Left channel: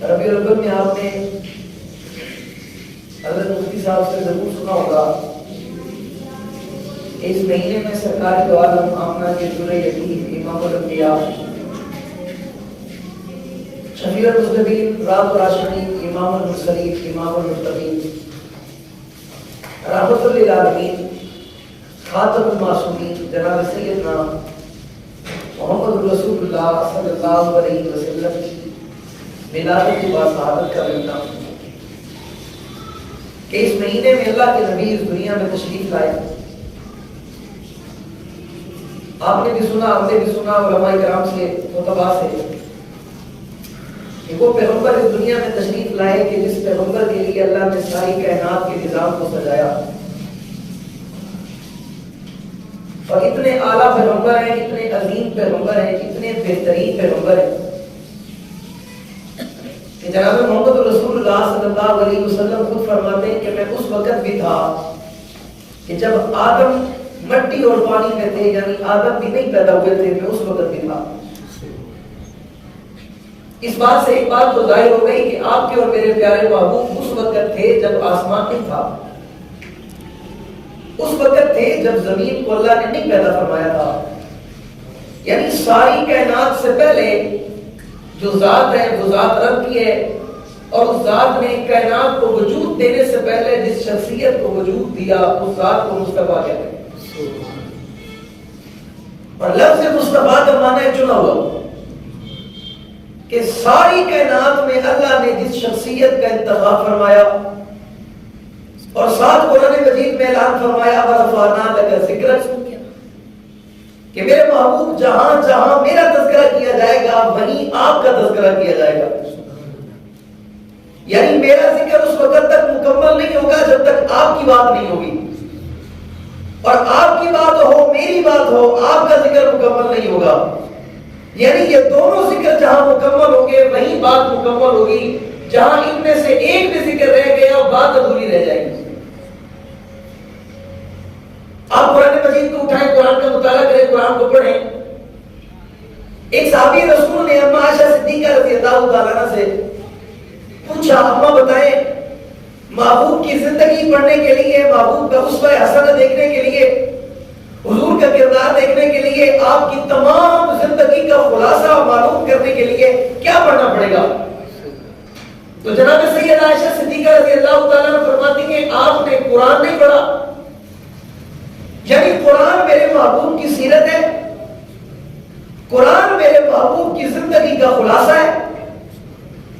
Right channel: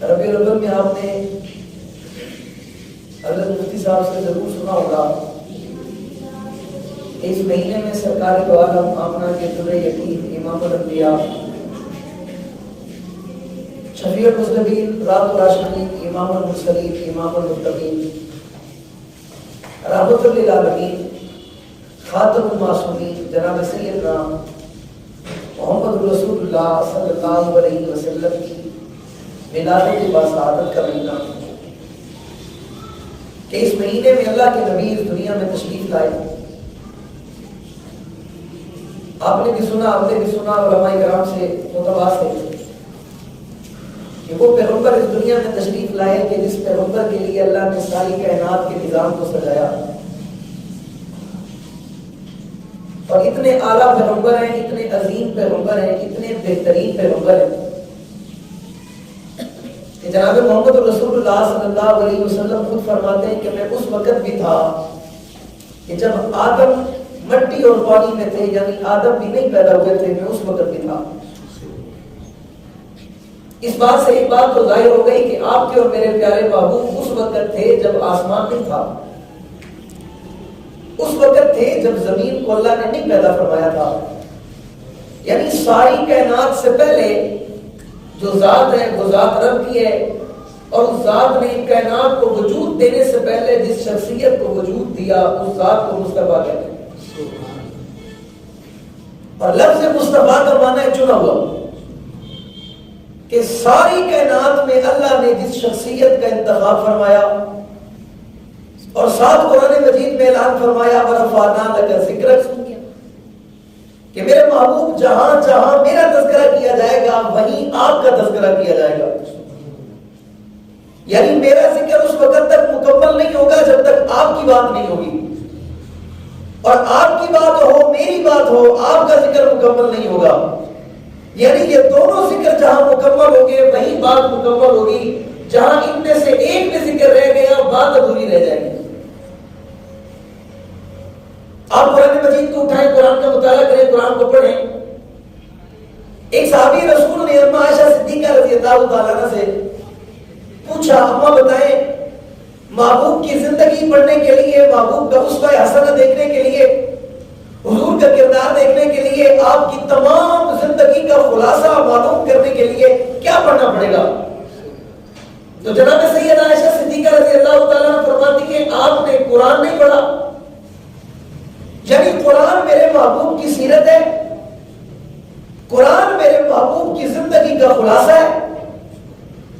ربیع الاول میں آپ نے حضرت مفتی صاحب سے ضرور سنا ہوگا، اس مہینے میں سرکار دو عالم آمنہ کے در یتیم امام الانبیاء شفیع المذنبین رات و راشدین امام المرسلین امام المتقین رحمت للعالمین خاتم المعصومین جناب سیدنا محمد رسول اللہ صلی اللہ علیہ وسلم کی ولادت باسعادت کا مہینہ، کہ اس مہینے میں اللہ کے نبی اس دنیا میں تشریف لائے۔ آپ نے بھی سنا، آپ نے بھی سنا علماء کرام سے متبع سے کہ وہ پیغمبر اس دنیا میں تشریف لائے کہ جس پیغمبر کے لیے اللہ نے ساری کائنات کے نظام کو سجایا، اور اتنے اعلیٰ پیغمبر ہیں، اتنے عظیم پیغمبر ہیں، اتنے بہترین پیغمبر ہیں کہ جناب محمد رسول اللہ صلی اللہ علیہ وسلم خود فرماتے ہیں کہ میں اس وقت بھی تھا کہ جب آدم مٹی اور پانی میں تھے، یعنی آدم بھی نہیں پیدا ہوئے تھے، میں اس وقت بھی تھا۔ اس بات سے ایک بات تو ظاہر ہو گئی کہ آپ کے اور میرے پیارے محبوب اس وقت تھے جب آسمان نہیں تھا، اس وقت تھے جب زمین کو اللہ نے نہیں پیدا فرمایا تھا، یعنی ساری کائنات سے پہلے جو ذات ہے وہ ذات رب کی ہے، اور اس ذات نے کائنات کو وجود دینے سے پہلے جس شخصیت کو وجود دیا اس ذات کو مصطفیٰ کہتے ہیں، اور لفظ مصطفیٰ کا معنی ہے چنا ہوا، کہ ساری کائنات میں اللہ نے جس شخصیت کا انتخاب فرمایا، اور ساتھ قرآن مجید میں اعلان فرمایا وَرَفَعْنَا لَكَ ذِكْرَكَ، کہ میرے محبوب جہاں جہاں میرا تذکرہ کیا جائے گا وہیں آپ کا تذکرہ کیا جائے گا، یعنی میرا ذکر اس وقت تک مکمل نہیں ہوگا جب تک آپ کی بات نہیں ہوگی، اور آپ کی بات ہو میری بات ہو آپ کا ذکر مکمل نہیں ہوگا، یعنی یہ دونوں ذکر جہاں مکمل ہوگے وہیں بات مکمل ہوگی، جہاں ان میں سے ایک بھی ذکر رہ گیا بات ادھوری رہ جائے گی۔ آپ قرآن مجید کو اٹھائیں، قرآن کا مطالعہ کریں، قرآن کو پڑھیں۔ ایک صحابی رسول نے اما عائشہ صدیقہ رضی اللہ تعالیٰ عنہ سے پوچھا، اما بتائیں محبوب کی زندگی پڑھنے کے لیے، محبوب کا اسوہ حسنہ دیکھنے کے لیے، حضور کا کردار دیکھنے کے لیے، آپ کی تمام زندگی کا خلاصہ معلوم کرنے کے لیے کیا پڑھنا پڑے گا؟ تو جناب سیدہ عائشہ صدیقہ رضی اللہ تعالیٰ عنہ فرماتی ہیں آپ نے قرآن نہیں پڑھا، یعنی قرآن میرے محبوب کی سیرت ہے، قرآن میرے محبوب کی زندگی کا خلاصہ ہے،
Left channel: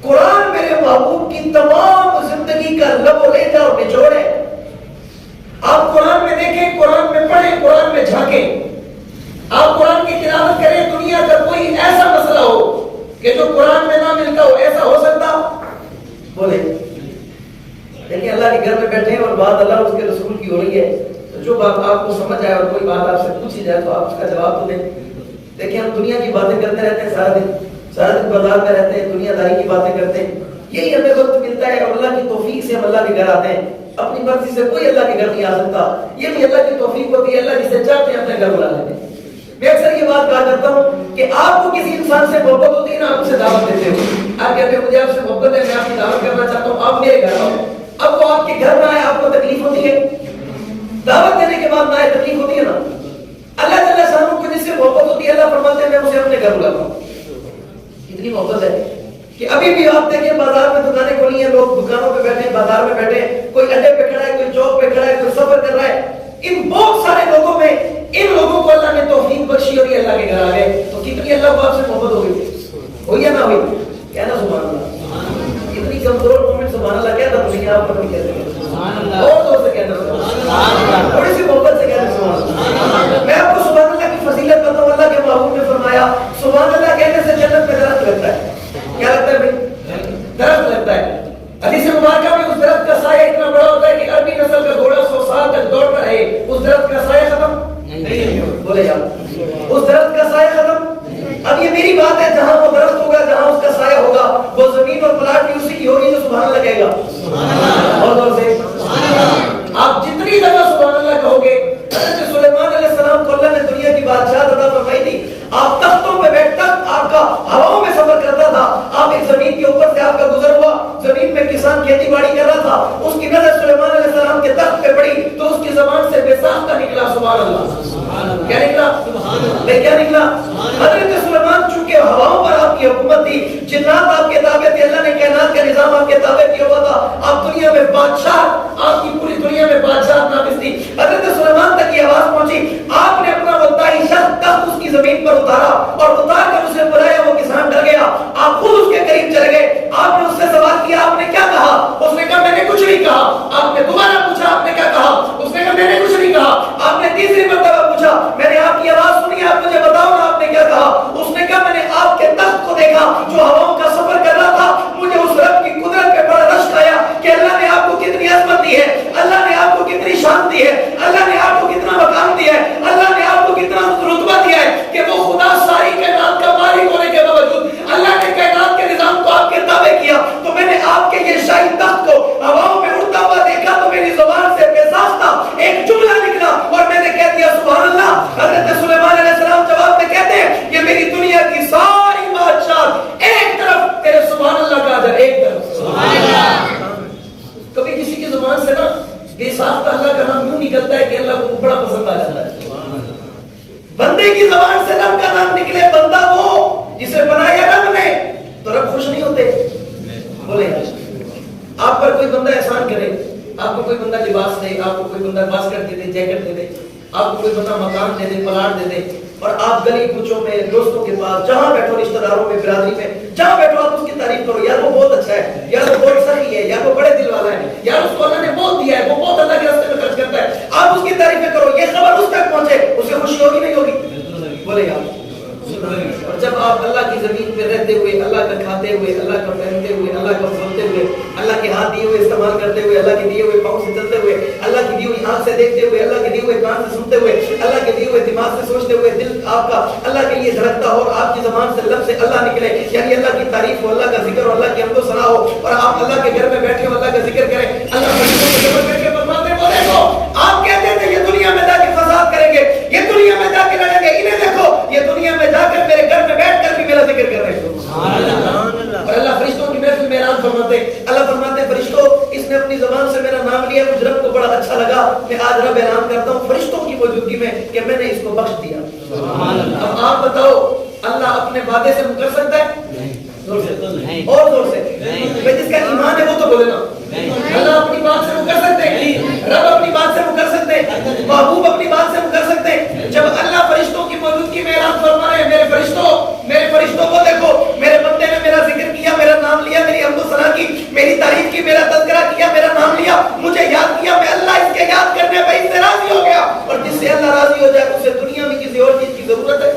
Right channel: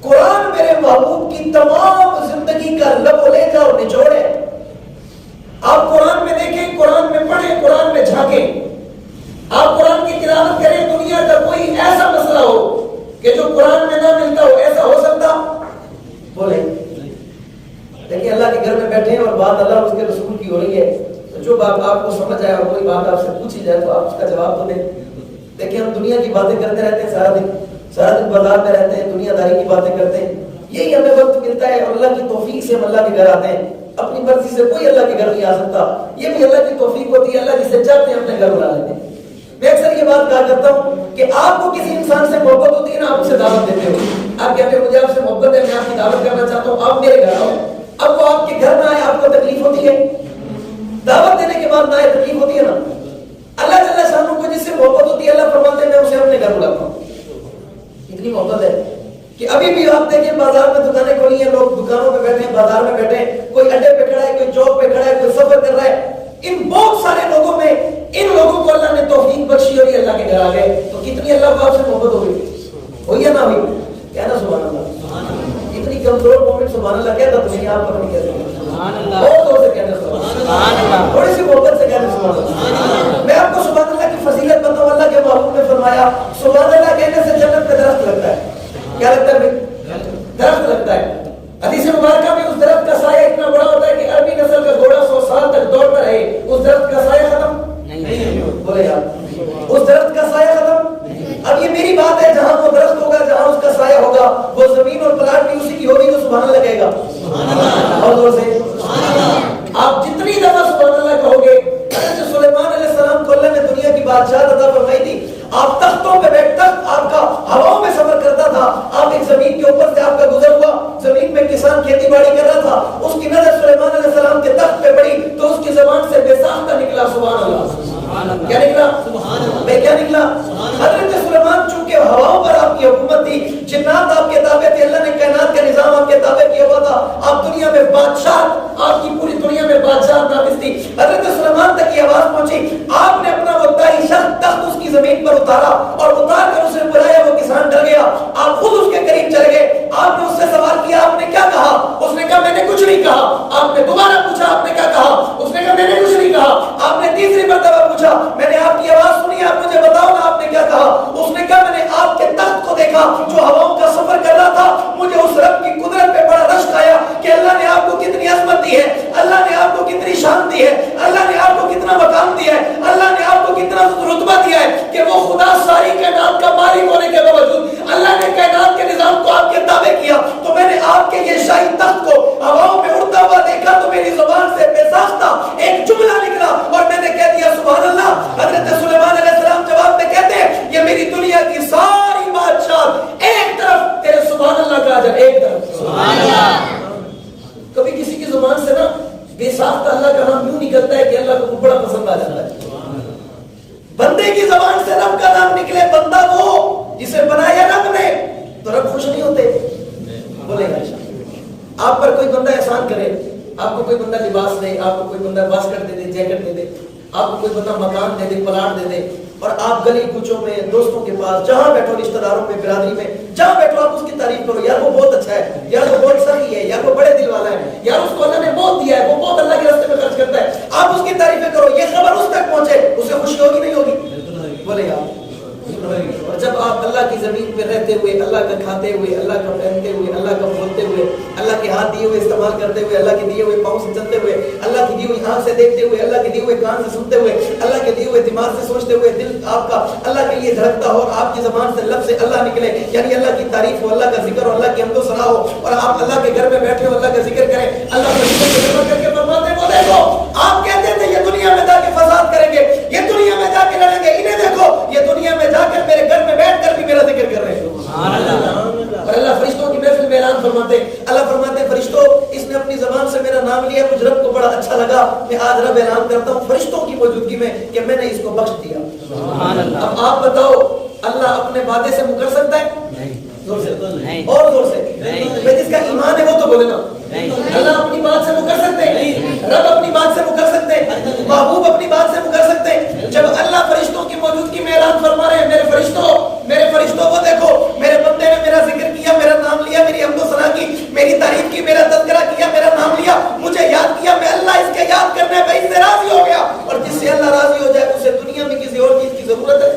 قرآن میرے محبوب کی تمام زندگی کا لب و لہجہ اور نچوڑ ہے۔ آپ قرآن میں دیکھیں، قرآن میں پڑھیں، قرآن میں جھانکیں، آپ قرآن کی تلاوت کریں، دنیا کا کوئی ایسا مسئلہ ہو کہ جو قرآن میں نہ ملتا ہو، ایسا ہو سکتا؟ بولے دیکھیں، اللہ کے گھر میں بیٹھے اور بات اللہ اس کے رسول کی ہو رہی ہے، جو بات آپ کو سمجھ آئے اور کوئی بات آپ سے پوچھی جائے تو آپ اس کا جواب تو دیں۔ دیکھیں ہم دنیا کی باتیں کرتے رہتے ہیں، سارا دن بازار میں رہتے ہیں، دنیا داری کی باتیں کرتے ہیں، یہی ہمیں وقت ملتا ہے، اور اللہ کی توفیق سے ہم اللہ کے گھر آتے ہیں۔ اپنی مرضی سے کوئی اللہ کے گھر نہیں آ سکتا، یہ بھی اللہ کی توفیق ہوتی ہے، اللہ جسے چاہتے ہیں اپنے گھر بلا لیتے ہیں۔ میں اکثر یہ بات کہا کرتا ہوں کہ آپ کو کسی انسان سے محبت ہوتی ہے نا، آپ اسے دعوت دیتے ہو، آپ کہتے ہیں مجھے آپ سے محبت ہے، میں آپ کی دعوت کرنا چاہتا ہوں، آپ میرے گھر آؤ، اب وہ آپ کے گھر نہ آئے آپ کو تکلیف ہوتی ہے؟ دعوت دینے کے بعد نہ آئے تکلیف ہوتی ہے نا؟ اللہ جل شانہ کو جس سے محبت ہوتی ہے اللہ فرماتے ہیں میں اسے اپنے گھر بلاتا ہوں۔ اتنی محبت ہے کہ ابھی بھی آپ دیکھیں بازار میں دکانیں کھلی ہیں، لوگ دکانوں پہ بیٹھے ہیں، بازار میں بیٹھے ہیں، کوئی اڈے پہ کھڑا ہے، کوئی چوک پہ کھڑا ہے، کوئی سفر کر رہا ہے، ان بہت سارے لوگوں میں ان لوگوں کو اللہ نے توفیق بخشی اور یہ اللہ کے گھر آ گئے، تو کتنی اللہ کو آپ سے محبت ہو گئی؟ ہوئی یا نہ ہوئی؟ کہنا سبحان اللہ۔ اتنی کمزور مومنٹ سبحان اللہ کہتا تو نہیں، آپ پر نہیں کہتے، اور زور سے کہنا سبحان اللہ، تھوڑی سی محبت سے کہنا سبحان اللہ۔ میں آپ کو سبحان اللہ کی فضیلت بتاؤں، اللہ کے محبوب نے فرمایا سبحان اللہ کہنے سے جنت میں درخت لگتا ہے۔ کیا لگتا ہے بھائی؟ درخت لگتا ہے۔ حدیث مبارکہ میں اس درخت کا سایہ اتنا بڑا ہوتا ہے کہ عربی نسل کا گھوڑا 100 سال تک دوڑتا رہے، اس درخت کا سایہ ختم نہیں بولے یار، اس درخت کا سایہ ختم۔ اب یہ میری بات ہے، جہاں وہ درخت ہوگا، جہاں اس کا سایہ ہوگا، وہ زمین اور پلاٹ بھی اسی کی ہوگی، تو سبحان اللہ کہے گا۔ اور زور سے آپ جتنی دفعہ سبحان اللہ کہو گے، حضرت سلیمان علیہ السلام کو اللہ نے دنیا کی بادشاہت عطا فرمائی تھی، آپ تختوں پہ بیٹھ تک آپ کا ہواؤں میں سفر کرتا تھا، آپ ایک زمین کے اوپر سے آپ کا کھیتی باڑی کر رہا تھا، اس کی نظر سلیمان علیہ السلام کے تخت پہ پڑی تو اس کی زبان سے بے ساختہ نکلا سبحان اللہ۔ کیا نکلا؟ کیا نکلا؟ حضرت سلیمان چونکہ ہواؤں پر آپ کی حکومت تھی، جنات آپ کے تابع تھے، اللہ نے کائنات کا نظام آپ کے تابع کیا ہوا تھا، آپ دنیا میں بادشاہ، آپ کی پوری دنیا میں بادشاہ نافذ تھی۔ حضرت سلیمان تک یہ آواز پہنچی، آپ نے اپنا وہ تائی شخص تخت اس کی زمین پر اتارا اور اتار کر اسے بلایا، وہ کسان ڈر گیا، آپ خود اس کے قریب چلے گئے، آپ نے اس سے سوال کیا، آپ نے کیا کہا؟ اس نے کہا میں نے کچھ نہیں کہا۔ آپ نے دوبارہ پوچھا، آپ نے کیا کہا؟ اس نے کہا میں نے کچھ نہیں کہا۔ آپ نے تیسری مرتبہ پوچھا، میں نے آپ کی آواز سنی، آپ مجھے بتاؤ نا آپ نے کیا کہا؟ اس نے کہا میں نے آپ کے تخت کو دیکھا جو ہواؤں کا سفر کر رہا تھا، مجھے اس رب کی قدرت پہ بڑا رشک آیا کہ اللہ نے آپ کو کتنی عظمت دی ہے، اللہ نے آپ کو کتنی شان دی ہے، اللہ نے آپ کو کتنا مقام دیا ہے، اللہ نے آپ کو کتنا رتبہ دیا ہے کہ وہ خدا ساری کائنات کا مالک ہونے کے باوجود اللہ نے کائنات کے نظام کو آپ کے تابع کیا۔ تو میں نے آپ کے یہ شاہی تخت کو ہواؤں میں اڑتا ہوا دیکھا تو میری زبان سے بے ساختہ ایک جملہ نکلا اور میں نے کہہ دیا سبحان اللہ۔ حضرت سلیمان علیہ السلام جواب میں کہتے ہیں یہ میری دنیا کی ساری بادشاہ ایک طرف، تیرے سبحان اللہ کا اجر ایک طرف۔ سبحان اللہ۔ کبھی کسی کی زبان سے نا بے ساختہ اللہ کا نام یوں نکلتا ہے کہ اللہ کو بڑا پسند آ جاتا ہے۔ بندے کی زبان سے رب کا نام نکلے، بندہ وہ جسے بنایا رب نے، تو رب خوش نہیں ہوتے؟ بولے آپ پر کوئی بندہ احسان کرے، آپ کو کوئی بندہ لباس دے، آپ کو کوئی بندہ واسکٹ دے دے، جیکٹ دے دے، آپ کو کوئی بندہ مکان دے دے، پلاٹ دے دے، اور آپ گلی کوچوں میں دوستوں کے پاس جہاں بیٹھو، رشتہ داروں میں، برادری میں جہاں بیٹھو آپ اس کی تعریف کرو، یار وہ بہت اچھا ہے، یار وہ بہت سخی ہے، یار وہ بڑے دل والا ہے، یار اس کو اللہ نے بہت دیا ہے، وہ بہت اللہ کے راستے میں خرچ کرتا ہے، آپ اس کی تعریفیں کرو، یہ خبر اس تک پہنچے، اسے خوشی ہوگی نہیں ہوگی؟ بولے یار۔ اور جب آپ اللہ کی زمین پہ رہتے ہوئے، اللہ کا کھاتے ہوئے، اللہ کا پہنتے ہوئے، اللہ کا بولتے ہوئے، اللہ کے ہاتھ دیے ہوئے استعمال کرتے ہوئے، اللہ کے دیے ہوئے پاؤں سے چلتے ہوئے، اللہ کی دی ہوئی آنکھ سے دیکھتے ہوئے، اللہ کے دیے ہوئے کان سے سنتے ہوئے، اللہ کے دیے ہوئے دماغ سے سوچتے ہوئے، دل آپ کا اللہ کے لیے دھڑکتا ہو اور آپ کی زبان سے لفظ اللہ نکلے، یعنی اللہ کی تعریف ہو، اللہ کا ذکر ہو، اللہ کی حمد و ثنا ہو، اور آپ اللہ کے گھر میں بیٹھے ہو، اللہ کا ذکر کریں، اللہ فرشتوں کو جمع کر کے فرماتے ہیں وہ دیکھو آپ کہتے تھے یہ دنیا میں جا کے فساد کریں گے، یہ دنیا میں جا کے لڑیں گے، انہیں دیکھو یہ دنیا میں جا کر میرے گھر میں بیٹھ کر بھی میرا ذکر کر رہے ہیں۔ اور اللہ فرشتوں کی محفل میں اعلان فرماتے ہیں، اللہ فرماتے ہیں فرشتوں اس نے اپنی زبان سے میرا نام لیا، مجھ رب کو بڑا اچھا لگا، میں آج رب اعلان کرتا ہوں فرشتوں کی موجودگی میں کہ میں نے اس کو بخش دیا۔ اب آپ بتاؤ اللہ اپنے وعدے سے مکر سکتا ہے؟ زور سے اور زور سے، جس کا ایمان ہے وہ تو بولے نا۔ اللہ اپنی بات سے مکر سکتے ہیں، رب اپنی بات سے مکر سکتے ہیں، محبوب اپنی بات سے مکر سکتے ہیں؟ جب اللہ فرشتوں کی موجودگی میں اعلان فرما رہے ہیں میرے فرشتوں کو دیکھو، میرے بندے نے میرا ذکر کیا، میرا نام لیا، میری حمد و ثنا کی، میری تعریف کی، میرا تذکرہ کیا، میرا نام لیا، مجھے یاد کیا، میں اللہ اس کے یاد کرنے پہ اس سے راضی ہو گیا، اور جس سے اللہ راضی ہو جائے اسے دنیا میں کسی اور چیز کی ضرورت ہے؟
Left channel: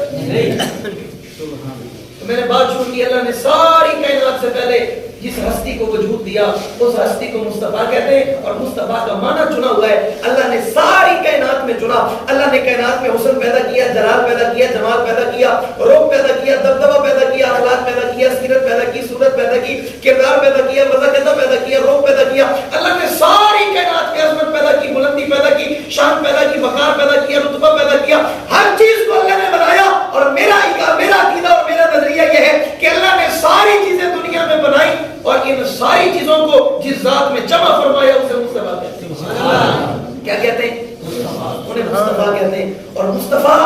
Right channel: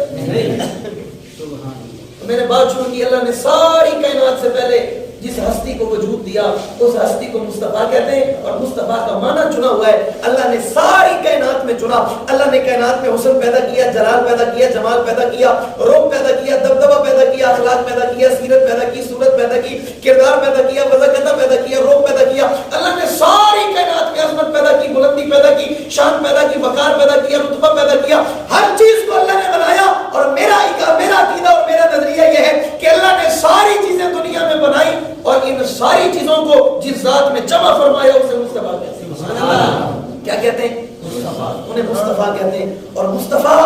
میں نے بات شروع کی، اللہ نے ساری کائنات سے پہلے جس ہستی کو وجود دیا اس ہستی کو مصطفیٰ کہتے ہیں، اور مصطفیٰ کا معنی چنا ہوا ہے، اللہ نے ساری کائنات میں چنا، اللہ نے کائنات میں حسن پیدا کیا، جلال پیدا کیا، جمال پیدا کیا، روپ پیدا کیا، دبدبہ پیدا کیا، اخلاق پیدا کیا، سیرت پیدا کی، صورت پیدا کی، کردار پیدا کیا، وضاحت پیدا کیا، روپ پیدا کیا، اللہ نے ساری کائنات کی عظمت پیدا کی، بلندی پیدا کی، شان پیدا کی، وقار پیدا کیا، رتبہ پیدا کیا، ہر چیز کو اللہ نے بنایا، اور میرا عقیدہ اور میرا نظریہ یہ ہے کہ اللہ نے ساری چیزیں دنیا میں بنائی اور ان ساری چیزوں کو جس ذات میں جمع فرمایا اسے مصطفیٰ کہتے ہیں۔ کیا کہتے ہیں؟ انہیں مصطفیٰ کہتے ہیں۔ اور مصطفیٰ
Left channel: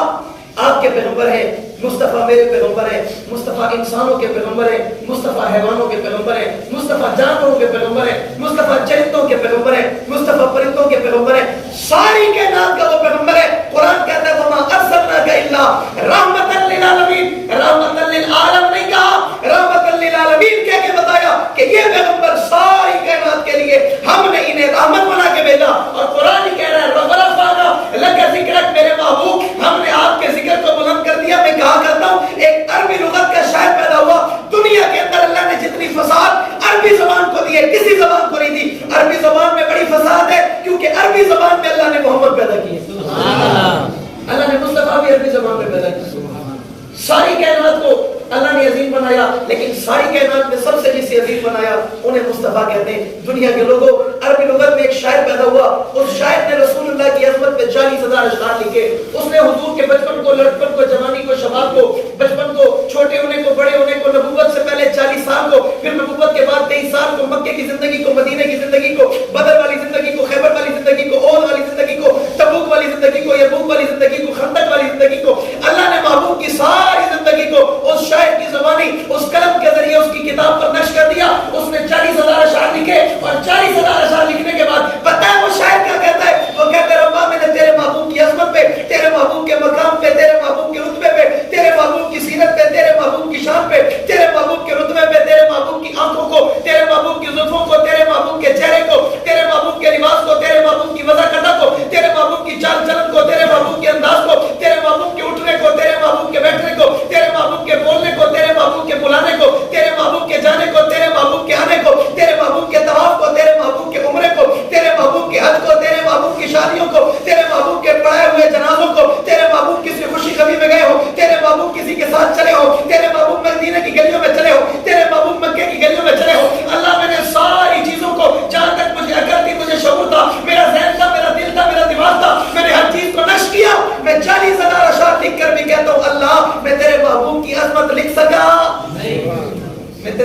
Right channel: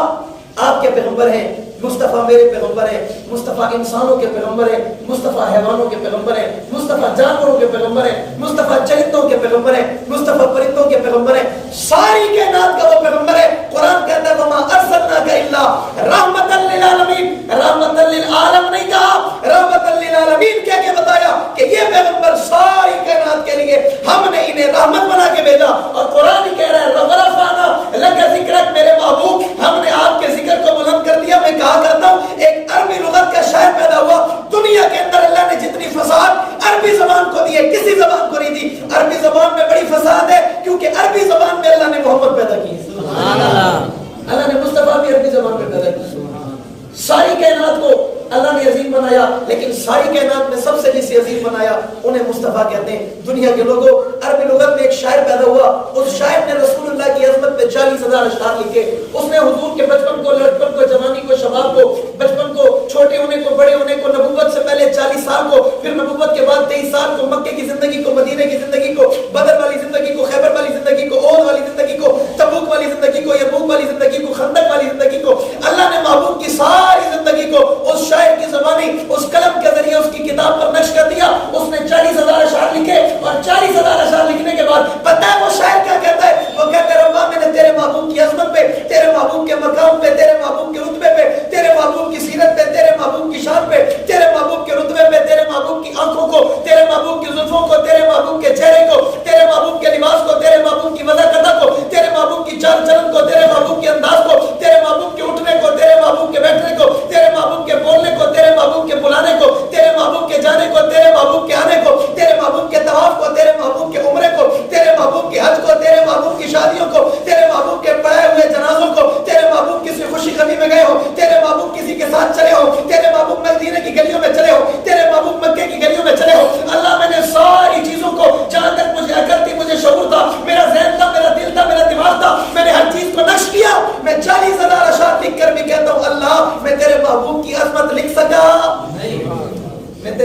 آپ کے پیغمبر ہیں، مصطفیٰ میرے پیغمبر ہیں، مصطفیٰ انسانوں کے پیغمبر ہیں، مصطفیٰ حیوانوں کے پیغمبر ہیں، مصطفیٰ جانوروں کے پیغمبر ہیں، مصطفیٰ چرندوں کے پیغمبر ہیں، مصطفیٰ پرندوں کے پیغمبر ہیں، ساری کائنات کا وہ پیغمبر ہے۔ قرآن کہتا ہے وما ارسلناک الا رحمۃ للعالمین، رحمۃ للعالم نہیں کہا، رحمۃ للعالمین کہہ کے بتایا کہ یہ پیغمبر ساری کائنات کے لیے ہم نے انہیں رحمت بنا کے بھیجا، اور قرآن ہی کہہ رہا ہے ورفعنا لک ذکرک، میرے محبوب ہم نے آپ کے ذکر کو بلند کر دیا۔ میں کہا کرتا ہوں ایک عربی لغت کا شاعر پیدا ہوا، دنیا کے اندر اللہ نے جتنی فساد عربی زبان کو دی ہے کسی زبان کو نہیں دی، عربی زبان میں بڑی فساد ہے کیونکہ عربی زبان میں اللہ نے محمد پیدا کی ہے، اللہ نے مصطفیٰ بھی عربی زبان میں پیدا کی۔ ساری کائنات کو اللہ نے عظیم بنایا، لیکن ساری کائنات میں سب سے جسے عظیم بنایا انہیں مصطفیٰ کہتے ہیں۔ دنیا کے لوگوں عربی لغت میں ایک شاعر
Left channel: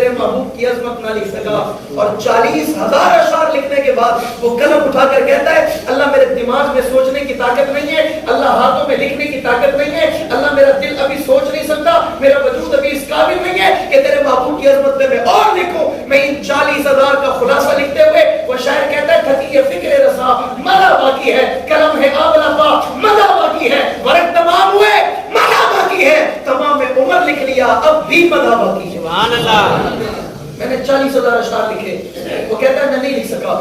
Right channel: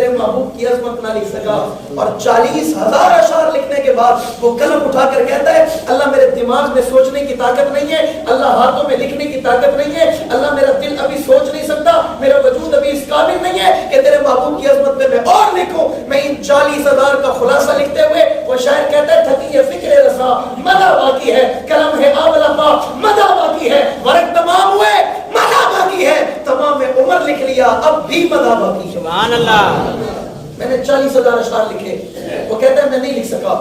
میرے محبوب کی عظمت نہ لکھ سکا. اور 40,000 اشعار لکھنے کے بعد وہ قلم اٹھا کر کہتا ہے اللہ میرے دماغ میں سوچنے کی طاقت نہیں ہے, اللہ ہاتھوں میں لکھنے کی طاقت نہیں ہے, اللہ میرا دل ابھی سوچ نہیں سکتا, میرا وجود ابھی اس قابل نہیں ہے کہ تیرے محبوب کی عظمت میں اور لکھوں. میں ان 40,000 کا خلاصہ لکھتے ہوئے وہ شاعر کہتا ہے تھکی ہے فکر رسا مدہ باقی ہے, قلم ہے آولا پا مدہ باقی ہے, ورق تمام ہوئے مدہ باقی ہے, تمام عمر لکھ لیا اب بھی مدہ باقی ہے. سبحان اللہ. میں نے 40,000 اشعار لکھے. وہ کہتا ہے میں نہیں لکھ سکا.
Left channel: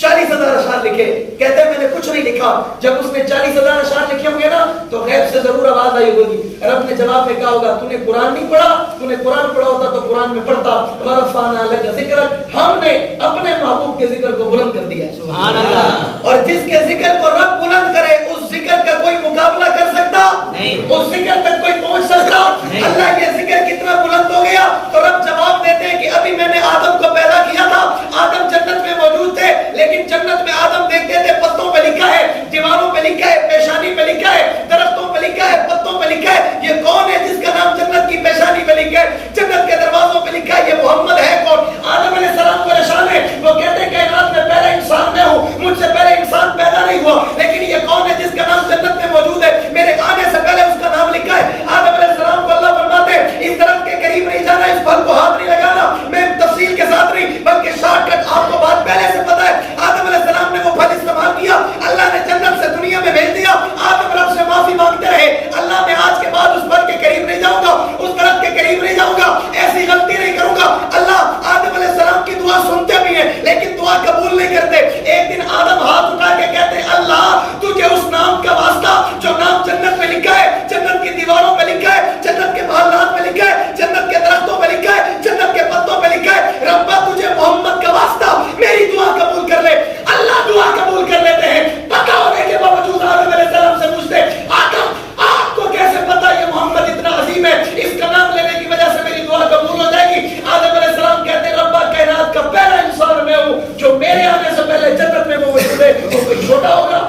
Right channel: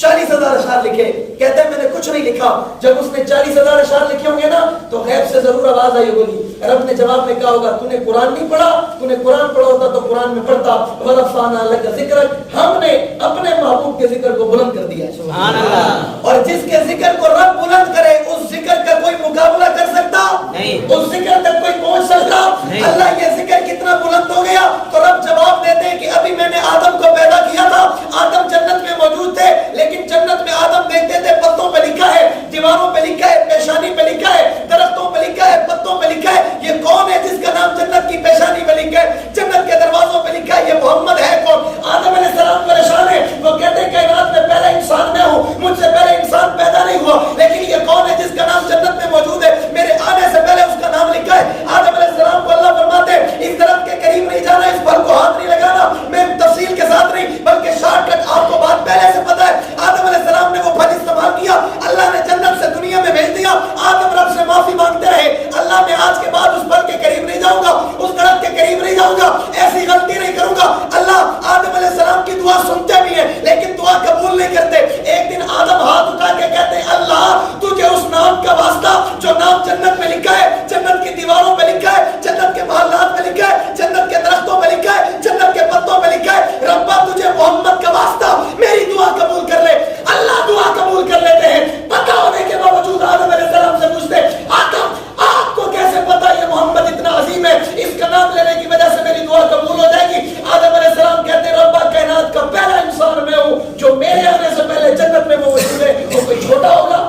40,000 اشعار لکھے. کہتے ہیں میں نے کچھ نہیں لکھا. جب اس نے 40,000 اشعار لکھے ہوں گے نا تو غیب سے ضرور آواز آئی ہوگی. رب نے جواب میں کہا ہوگا تو نے قرآن نہیں پڑھا, تو نے قرآن پڑھا ہوتا تو قرآن میں پڑھتا. ورفعنا لک ذکرک, ہم نے اپنے محبوب کے ذکر کو بلند کر دیا. سبحان اللہ. اور جس کے ذکر کو رب بلند کرے اس ذکر کا کوئی مقابلہ کر سکتا نہیں, اس ذکر تک کوئی پہنچ سکتا نہیں. اللہ یہ ذکر کتنا بلند ہو گیا تو رب جواب دیتے ہیں کہ ابھی میں نے آدم کو پیدا کیا تھا, آدم جنت میں موجود تھے, لیکن جنت میں آدم دیکھتے تھے پتوں پہ لکھا ہے, دیواروں پہ لکھا ہے, پیشانی پہ لکھا ہے, درختوں پہ لکھا ہے, پتوں پہ لکھا ہے. یہ کون ہے جس کا نام جنت کی پیشانی پہ لکھا ہے, جنت کے دروازوں پہ لکھا ہے, یہ محمد ہے کون؟ آدم علیہ السلام پریشان ہے. وہ کہتے ہیں کائنات میں پہلا انسان میں ہوں, مجھ سے پہلے انسان پیدا نہیں ہوا, لیکن یہ کون ہے جس کا نام جنت میں موجود ہے, میرے آنے سے پہلے اس کا نام لکھا ہے. آدم علیہ السلام کو اللہ فرماتے ہیں اس درخت کے قریب نہیں جانا, اس پھل کو ہاتھ نہیں لگانا. میں تفصیل کے ساتھ نہیں بلکہ شارٹ کٹ آپ کو بات پہلے سے پتا ہے. آدم علیہ السلام نے وہ پھل استعمال کیا, اللہ نے جنت سے دنیا میں بھیج دیا. آدم رب سے معافی مانگتے رہے, اللہ میں آج کے بعد اس پھل کے قریب نہیں جاؤں گا, اس درخت کے قریب نہیں جاؤں گا, ایسی غلطی نہیں کروں گا. اللہ آدم علیہ السلام کی دعا سنتے بھی ہیں لیکن دعا قبول نہیں کرتے. ایک دن آدم ہاتھ اٹھا کے کہتے ہیں اللہ تجھے اس نام کا واسطہ جو نام جنت میں لکھا ہے, جنت کی دیواروں پہ لکھا ہے, جنت کے محلات میں لکھا ہے, جنت کے درختوں پہ لکھا ہے, جنت کے پتوں پہ لکھا ہے, ربا تجھے محمد کا واسطہ میری دعا قبول کر لے. اللہ دعا قبول کر لیتے ہیں. پتہ ہونے کے باوجود آدم علیہ السلام سے پوچھتے آدم آپ کو کیسے پتا یہ محمد اتنا عظیم ہے, اس کا نام لینے کی وجہ سے میری دعا قبول ہو جائے گی. آدم علیہ السلام کہتے ہیں ربا کائنات کا پہلا انسان میں ہوں, جو میرے آنے سے پہلے جنت میں موجود ہے, وہ کوئی چھوٹا ہوگا؟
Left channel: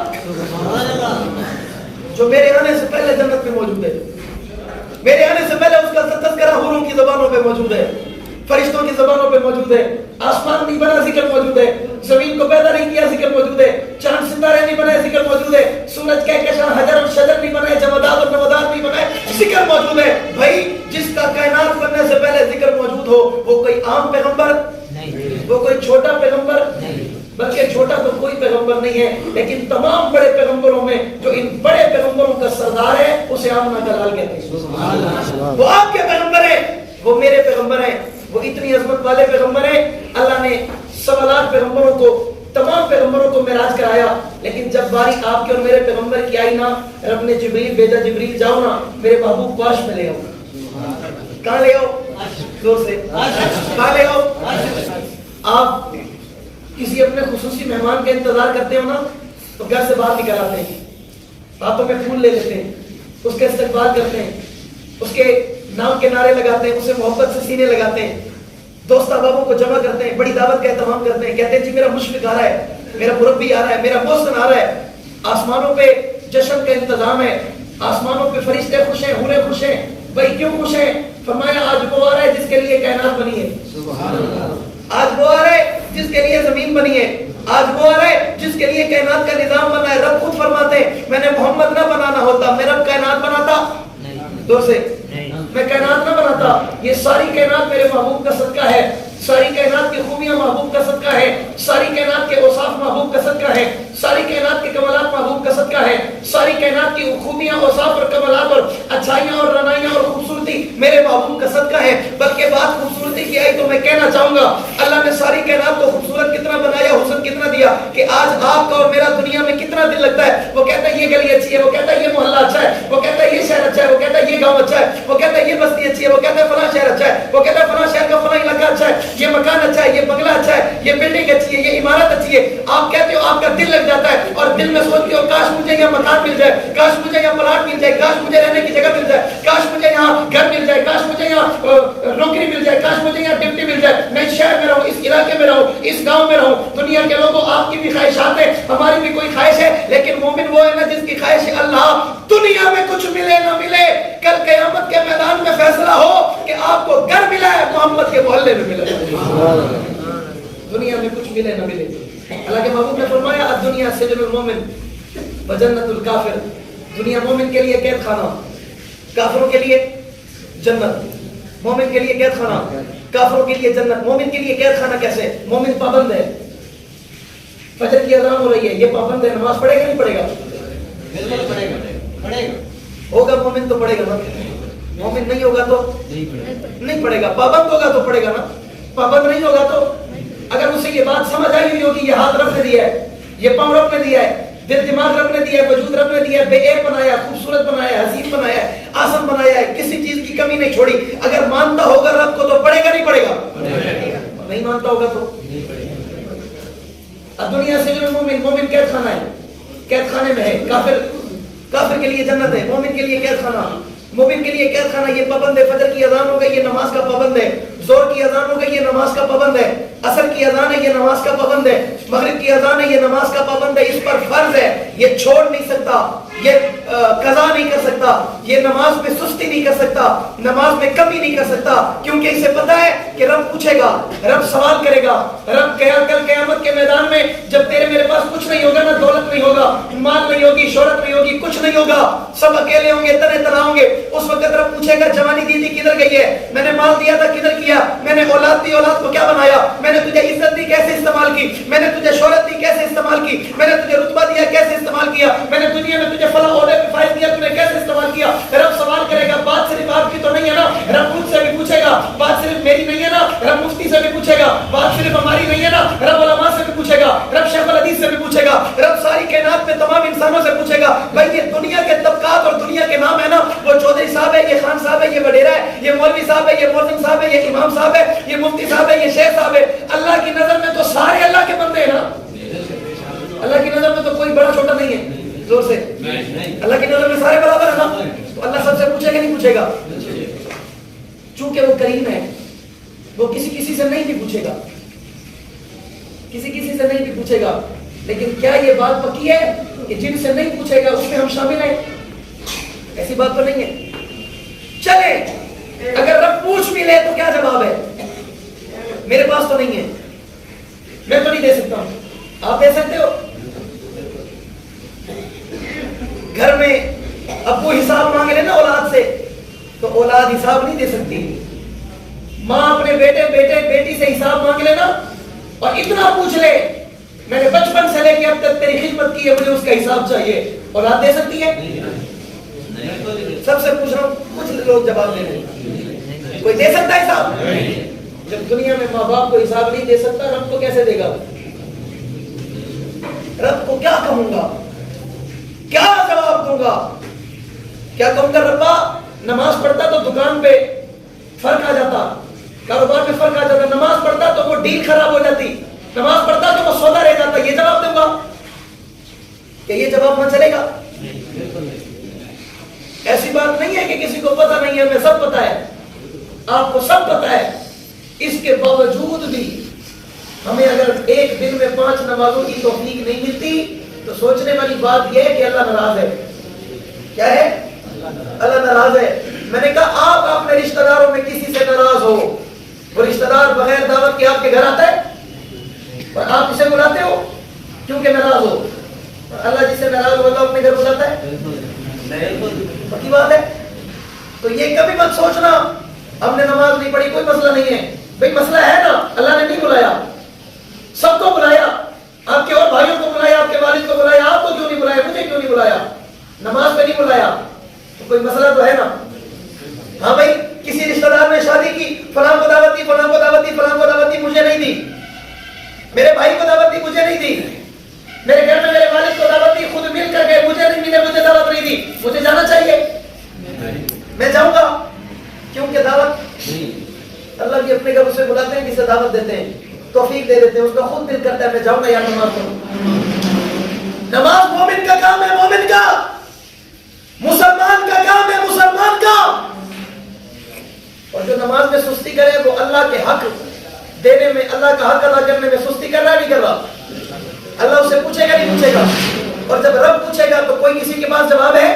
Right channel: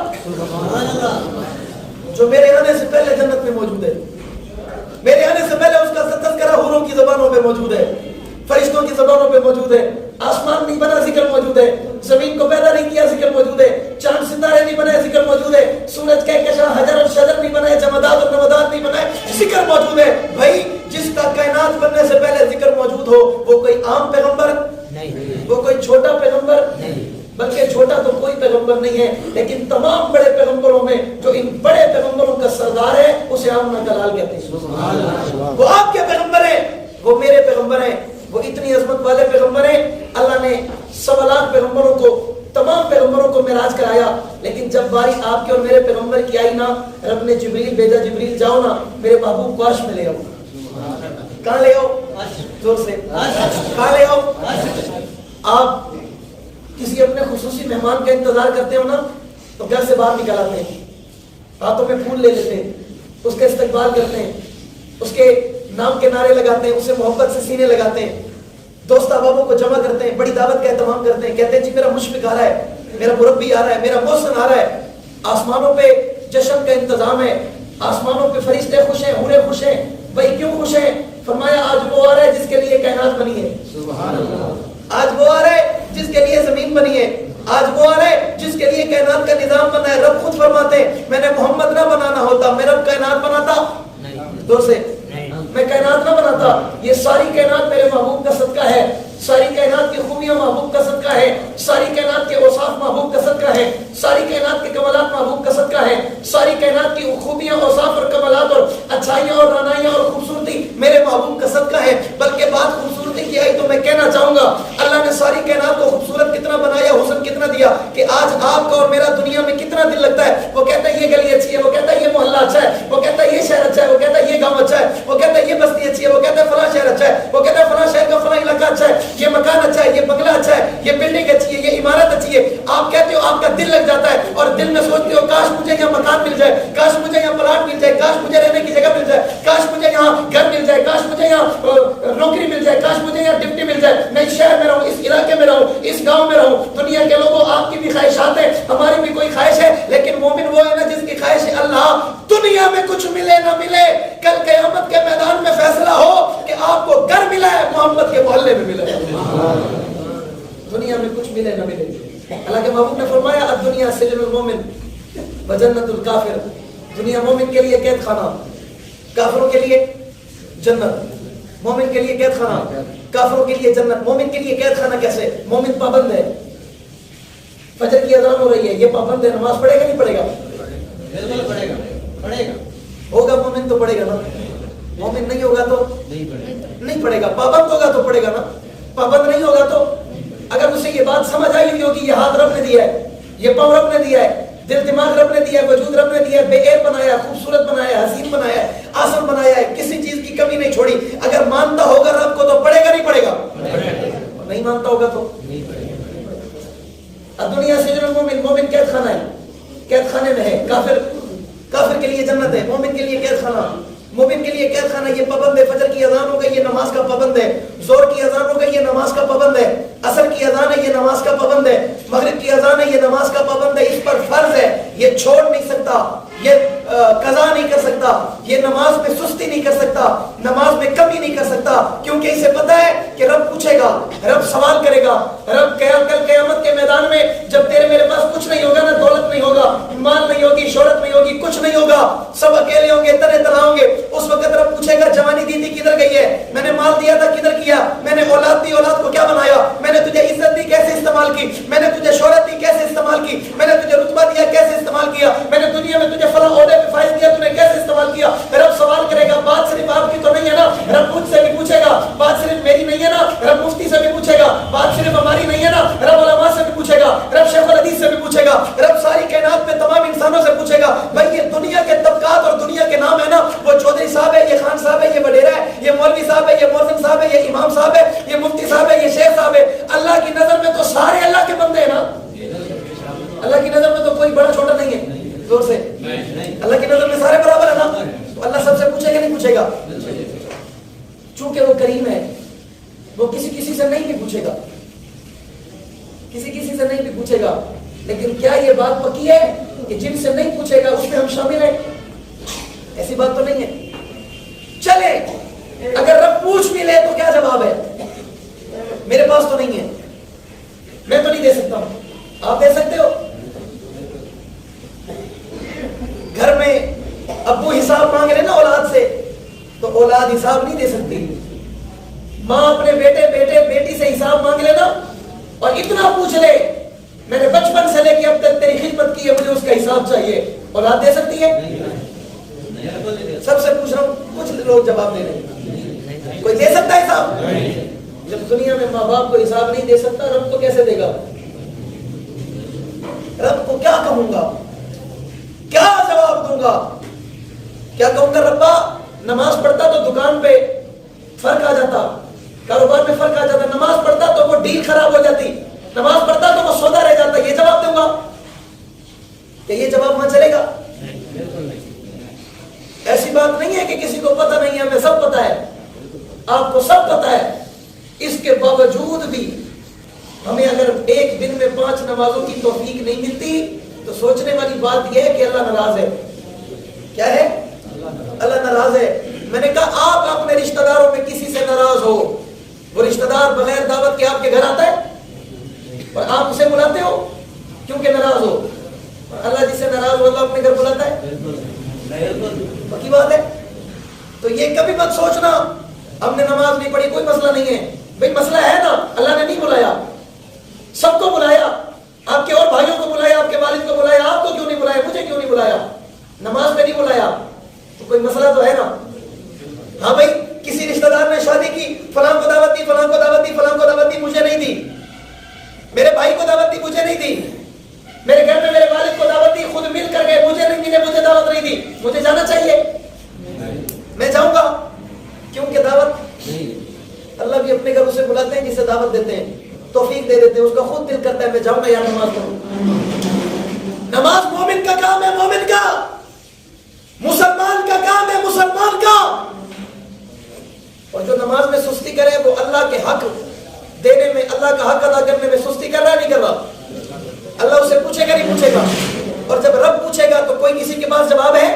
جو میرے آنے سے پہلے جنت میں موجود ہے, میرے آنے سے پہلے اس کا تذکرہ حوروں کی زبانوں پہ موجود ہے, فرشتوں کی زبانوں پہ موجود ہے. آسمان نہیں بنا ذکر موجود ہے, زمین کو پیدا نہیں کیا ذکر موجود ہے, چاند ستارے نہیں بنائے ذکر موجود ہے, سورج کہکشاں حجر اور شجر نہیں بنائے, جمادات اور نباتات نہیں بنائے, ذکر موجود ہے. بھائی جس کا کائنات بننے سے پہلے ذکر موجود ہو وہ کوئی عام پیغمبر نہیں, وہ کوئی چھوٹا پیغمبر نہیں, بلکہ چھوٹا تو کوئی پیغمبر نہیں ہے, لیکن تمام بڑے پیغمبروں میں جو ان بڑے پیغمبروں کا سردار ہے اسے آمنہ کا لال کہتے ہیں. وہ آپ کے پیغمبر ہیں, وہ میرے پیغمبر ہیں, وہ اتنی عظمت والے پیغمبر ہیں. اللہ نے 1.25 لاکھ پیغمبروں کو, تمام پیغمبروں کو معراج کرایا, لیکن جب باری آپ کے اور میرے پیغمبر کی آئی نا, رب نے جبریل بھیجا, جبریل جاؤ نا میرے محبوب کو عرش میں لے آؤ. کہاں لے آؤ؟ زور سے کہاں لے آؤ؟ آپ کسی اپنے خصوصی مہمان کا انتظار کرتے ہو نا تو گھر سے باہر نکل آتے ہیں, ہاتھوں میں پھول لے لیتے ہیں, اس کا استقبال کرتے ہیں, اس کے نام کے نعرے لگاتے ہیں, اسے محبت سے سینے لگاتے ہیں, دوست احبابوں کو جمع کرتے ہیں, بڑی دعوت کا اہتمام کرتے ہیں, کہتے ہیں جی میرا مشفق آ رہا ہے, میرا مربی آ رہا ہے, میرا محسن آ رہا ہے. آسمانوں پہ جشن کا انتظام ہے, آسمانوں پہ فرشتے خوش ہیں, حوریں خوش ہیں. بھائی کیوں خوش ہیں؟ فرمایا آج وہ آ رہا ہے جس کے لیے کائنات بنی ہے. سبحان اللہ. آج وہ آ رہا ہے جس کے لیے زمین بنی ہے, آج وہ آ رہا ہے جس کے لیے کائنات کا نظام بنا ہے. رب خود فرماتے ہیں میں نے محمد نہ بنانا ہوتا, میں رب کائنات بناتا. دور سے میں کائنات نہ بناتا, یہ ساری کائنات میرے محبوب کا صدقہ ہے, ساری کائنات کی خوبیاں محبوب کا صدقہ ہے, ساری کائنات کے اوصاف محبوب کا صدقہ ہے, ساری کائنات کے کمالات محبوب کا صدقہ ہے, ساری کائنات کی خوبیاں, اوصاف اور کمالات اور اچھائیاں اور رنائیاں اور خوبصورتی میرے محبوب کا صدقہ ہے. بلکہ بات خوبصورتی کی آئی تو میں کہنا چاہوں گا اللہ نے ساری کائنات کو خوبصورت کتنا بنایا, حسن کتنا دیا کہ آج آپ کا اور میرا دنیا میں کتنا دل لگتا ہے. وہ کہتا ہے یہ گلی اچھی ہے, وہ کہتا ہے یہ محلہ اچھا ہے, وہ کہتا ہے یہ شہر اچھا ہے, وہ کہتا ہے یہ گاؤں اچھا ہے, وہ کہتا ہے یہ بستی اچھی ہے, وہ کہتا ہے فلاں شہر اچھا ہے, وہ کہتا ہے فلاں شہر کا فلاں علاقہ اچھا ہے, یہ مکان اچھا ہے, یہ بنگلہ اچھا ہے, یہ بلڈنگ اچھی ہے, یہ عمارت اچھی ہے. آپ کہتے ہو آپ کا دل لگ جاتا ہے اور دل میں سوچتے ہو کاش مجھے یہاں مکان مل جائے, کاش مجھے یہاں پلاٹ مل جائے, کاش مجھے رہنے کی جگہ مل جائے, کاش مجھے یہاں گھر مل جائے, کاش مجھے یہاں نوکری مل جائے, کاش مجھے یہاں ڈیوٹی مل جائے, میں اس شہر میں رہوں, اس علاقے میں رہوں, اس گاؤں میں رہوں. دنیا کے لوگوں آپ کی بھی خواہشات ہیں, ہماری بھی کوئی خواہش ہے, لیکن مومن وہ ہے نا جس کی خواہش ہے اللہ دنیا میں کچھ ملے نہ ملے, کل قیامت کے میدان میں فیصلہ ہو کہ آپ کو گھر ملا ہے محمد کے محلے میں ملا ہے. دنیا میں کچھ ملے نہ ملے. اللہ کے محبوب نے فرمایا الدنیا سجن المومن وجنت الکافر. دنیا مومن کے لیے قید خانہ، کافروں کے لیے جنت. مومن کے لیے قید خانہ، کافروں کے لیے جنت. مومن کے لیے قید خانہ کیسے؟ مومن پابند ہے. فجر کی اذان ہو رہی ہے، یہ پابند ہے، نماز پڑھے گا نہیں پڑھے گا؟ ہوگا مومن تو پڑھے گا نا. مومن نہیں ہوگا تو نہیں پڑھے گا. پابند ہوگا تو پڑھے گا نا. پابند نہیں ہوگا تو اگر اسے یہ بات سمجھ آئی ہوئی ہوگی یہ ہاتھ رب نے دیا ہے، یہ پاؤں رب نے دیا ہے، دل دماغ رب نے دیا ہے، وجود رب نے دیا ہے، بے عیب بنایا، خوبصورت بنایا، حسین بنایا ہے، آسم بنایا ہے، کسی چیز کی کمی نہیں چھوڑی. اگر مانتا ہوگا رب کو تو پڑھے گا نہیں پڑھے گا؟ نہیں مانتا ہوگا تو دنیا سے جو مومن قید خانہ ہے، قید خانے میں ہے. کافر کے لیے جنت ہے، مومن کے لیے قید خانہ. مومن کے لیے قید خانہ یہ پابند ہے. فجر کی اذان ہو گئی یہ نماز کا پابند ہے. زور کی اذان ہو گئی یہ نماز کا پابند ہے. عصر کی اذان ہے یہ نماز کا پابند ہے. مغرب کی اذان ہے یہ نماز کا پابند ہے. اس پر فرض ہے، یہ چھوڑ نہیں سکتا، یہ قضا نہیں کر سکتا، یہ نماز میں سستی نہیں کر سکتا، نماز میں کمی نہیں کر سکتا، کیونکہ اسے پتا ہے کہ رب پوچھے گا، رب سوال کرے گا. رب کل قیامت کے میدان میں جب تیرے میرے پاس کچھ نہیں ہوگا نا، دولت نہیں ہوگا، مال نہیں ہوگی، شہرت نہیں ہوگی، کچھ نہیں ہوگا، سب اکیلے ہوں گے، تنے تنہا ہوں گے. اس وقت رب پوچھے گا جوانی دی تھی کدھر گئی ہے؟ میں نے مال دیا تھا کدھر کیا؟ میں نے اولاد دی، اولاد کو کیا بنایا؟ میں نے تجھے عزت دی کیسے استعمال کی؟ میں نے تجھے شہرت دی کیسے استعمال کی؟ میں نے تجھے رتبہ دیا کیسے استعمال کیا؟ میں نے دنیا میں تجھے فلاں عہدے پہ فائز دیا، تو نے کیسے استعمال کیا؟ رب سوال کرے گا. بات صرف آپ کی تو نہیں ہے نا، رب مجھ سے بھی پوچھے گا. بات صرف میری نہیں ہے نا، رب مفتی سے بھی پوچھے گا. بات صرف ہماری نہیں ہے نا، رب علماء سے بھی پوچھے گا، رب شیخ الحدیث سے بھی پوچھے گا، رب ساری کائنات میں تمام انسانوں سے پوچھے گا. بھائی یہ دنیا کے طبقات اور دنیا کے نام ہے نا، وہ چودھری صاحب ہے، یہ خان صاحب ہے، یہ وڈیرا ہے، یہ مولوی صاحب ہے، یہ مؤذن صاحب ہے، یہ امام صاحب ہے، یہ مفتی صاحب ہے، یہ شیخ صاحب ہے. اللہ کی نظر میں تو سارے اللہ کے بندے ہیں نا. اللہ کی نظر میں تو کوئی بڑا چھوٹا نہیں ہے. زور سے اللہ کی نظر میں سارے برابر ہے نا. تو اللہ سب سے پوچھے گا نہیں پوچھے گا؟ چونکہ وہ کریم ہے، وہ کسی سے نہیں بھی پوچھے گا، کسی سے نہیں بھی پوچھے گا. لیکن کیا یہ بات پکی ہے کہ جن سے نہیں پوچھے گا اس میں ہم شامل ہیں؟ ایسی بات تو نہیں ہے. چلے اگر رب پوچھ بھی لے تو کیا جواب ہے؟ میرے پاس تو نہیں ہے، میں تو نہیں دے سکتا ہوں. آپ دے سکتے ہو؟ گھر میں ابو حساب مانگ لے نا اولاد سے، تو اولاد حساب نہیں دے سکتی. ماں اپنے بیٹی سے حساب مانگ لے نا اور اتنا پوچھ لے میں نے بچپن سے لے کے اب تک تیری خدمت کی ہے، مجھے اس کا حساب چاہیے، اولاد دے سکتی ہے؟ سب سے پوچھ رہا ہوں، کچھ لوگ جواب دے رہے ہیں. کوئی دے سکتا ہے حساب؟ جب دنیا میں ماں باپ کو حساب نہیں دے سکتا، رب کو کیسے دے گا؟ رب کو کیا کہوں گا، کیا جواب دوں گا؟ کیا کہوں گا ربا نماز پڑھتا تو دکان پہ فرق آ جاتا، کاروبار میں فرق آ جاتا، نماز پڑھتا تو وہ ڈیل خراب ہو جاتی، نماز پڑھتا تو وہ سودا رہ جاتا، یہ جواب دوں گا؟ کہ یہ جواب وہاں چلے گا؟ ایسی بات نہیں ہے کہ کسی کو پتہ نہیں ہے، ہمیں سب پتہ ہے، آپ کو سب پتہ ہے. اس کے باوجود بھی ہمیں اگر ایک دن میں 5 نمازوں کی توفیق نہیں ملتی تو سوچنے والی بات یہ ہے کہ اللہ ناراض ہے. کیا ہے؟ اللہ ناراض ہے. میں نے کہا آپ اپنے رشتہ داروں میں کسی سے ناراض ہو، وہ رشتہ دار بغیر دعوت کے آپ کے گھر آتا ہے اور آپ اسے بلاتے ہو کیونکہ ناراض ہو. اللہ جسے ناراض ہوتا اپنے گھر بلاتا ہے؟ پکی بات ہے. تو یہ کبھی مت سوچنا ہم نے نماز نہیں پڑھی کوئی مسئلہ نہیں ہے. بھئی مسئلہ ہے نا، اللہ نے نہیں بلایا، سب کو بلایا، آپ کے اور بھائیوں کو بلایا، آپ کے والد کو بلایا، آپ کو کیوں نہیں بلایا، مجھے کیوں نہیں بلایا؟ نماز پہ نہیں بلایا تو کوئی مسئلہ تو ہے نا. ہاں بھائی کسی رشتہ دار نے شادی کی، فلاں کو دعوت دی، فلاں کو دعوت دی، فلاں کو دعوت دی، مجھے نہیں دی. میرے بھائی کو دعوت دی، مجھے نہیں دی. میرے گھر میں میرے والد کو دعوت دی، خود مل کر گئے، مجھے نہیں ملے، مجھے دعوت نہیں دی. مجھے جانا چاہیے؟ میں جاؤں گا کیونکہ دعوت اللہ بھی اپنے گھر اسے بلاتے ہیں، جسے دعوت دیتے ہیں، توفیق دے دیتے ہیں، اس کا خود دل کرتا ہے میں جاؤں گا یا نماز پڑھوں. نماز مومن کا کام ہے، مومن کا، مسلمان کا کام ہے، مسلمان کا. اور جو نماز میں سستی کرے وہ اللہ کے حق دینے میں، اللہ کا حق ادا کرنے میں سستی کر رہا ہے نہیں کر رہا؟ اللہ اسے پوچھے گا نہیں پوچھے گا؟ اور جب رب پوچھے گا تو کوئی کسی کے پاس جواب ہے؟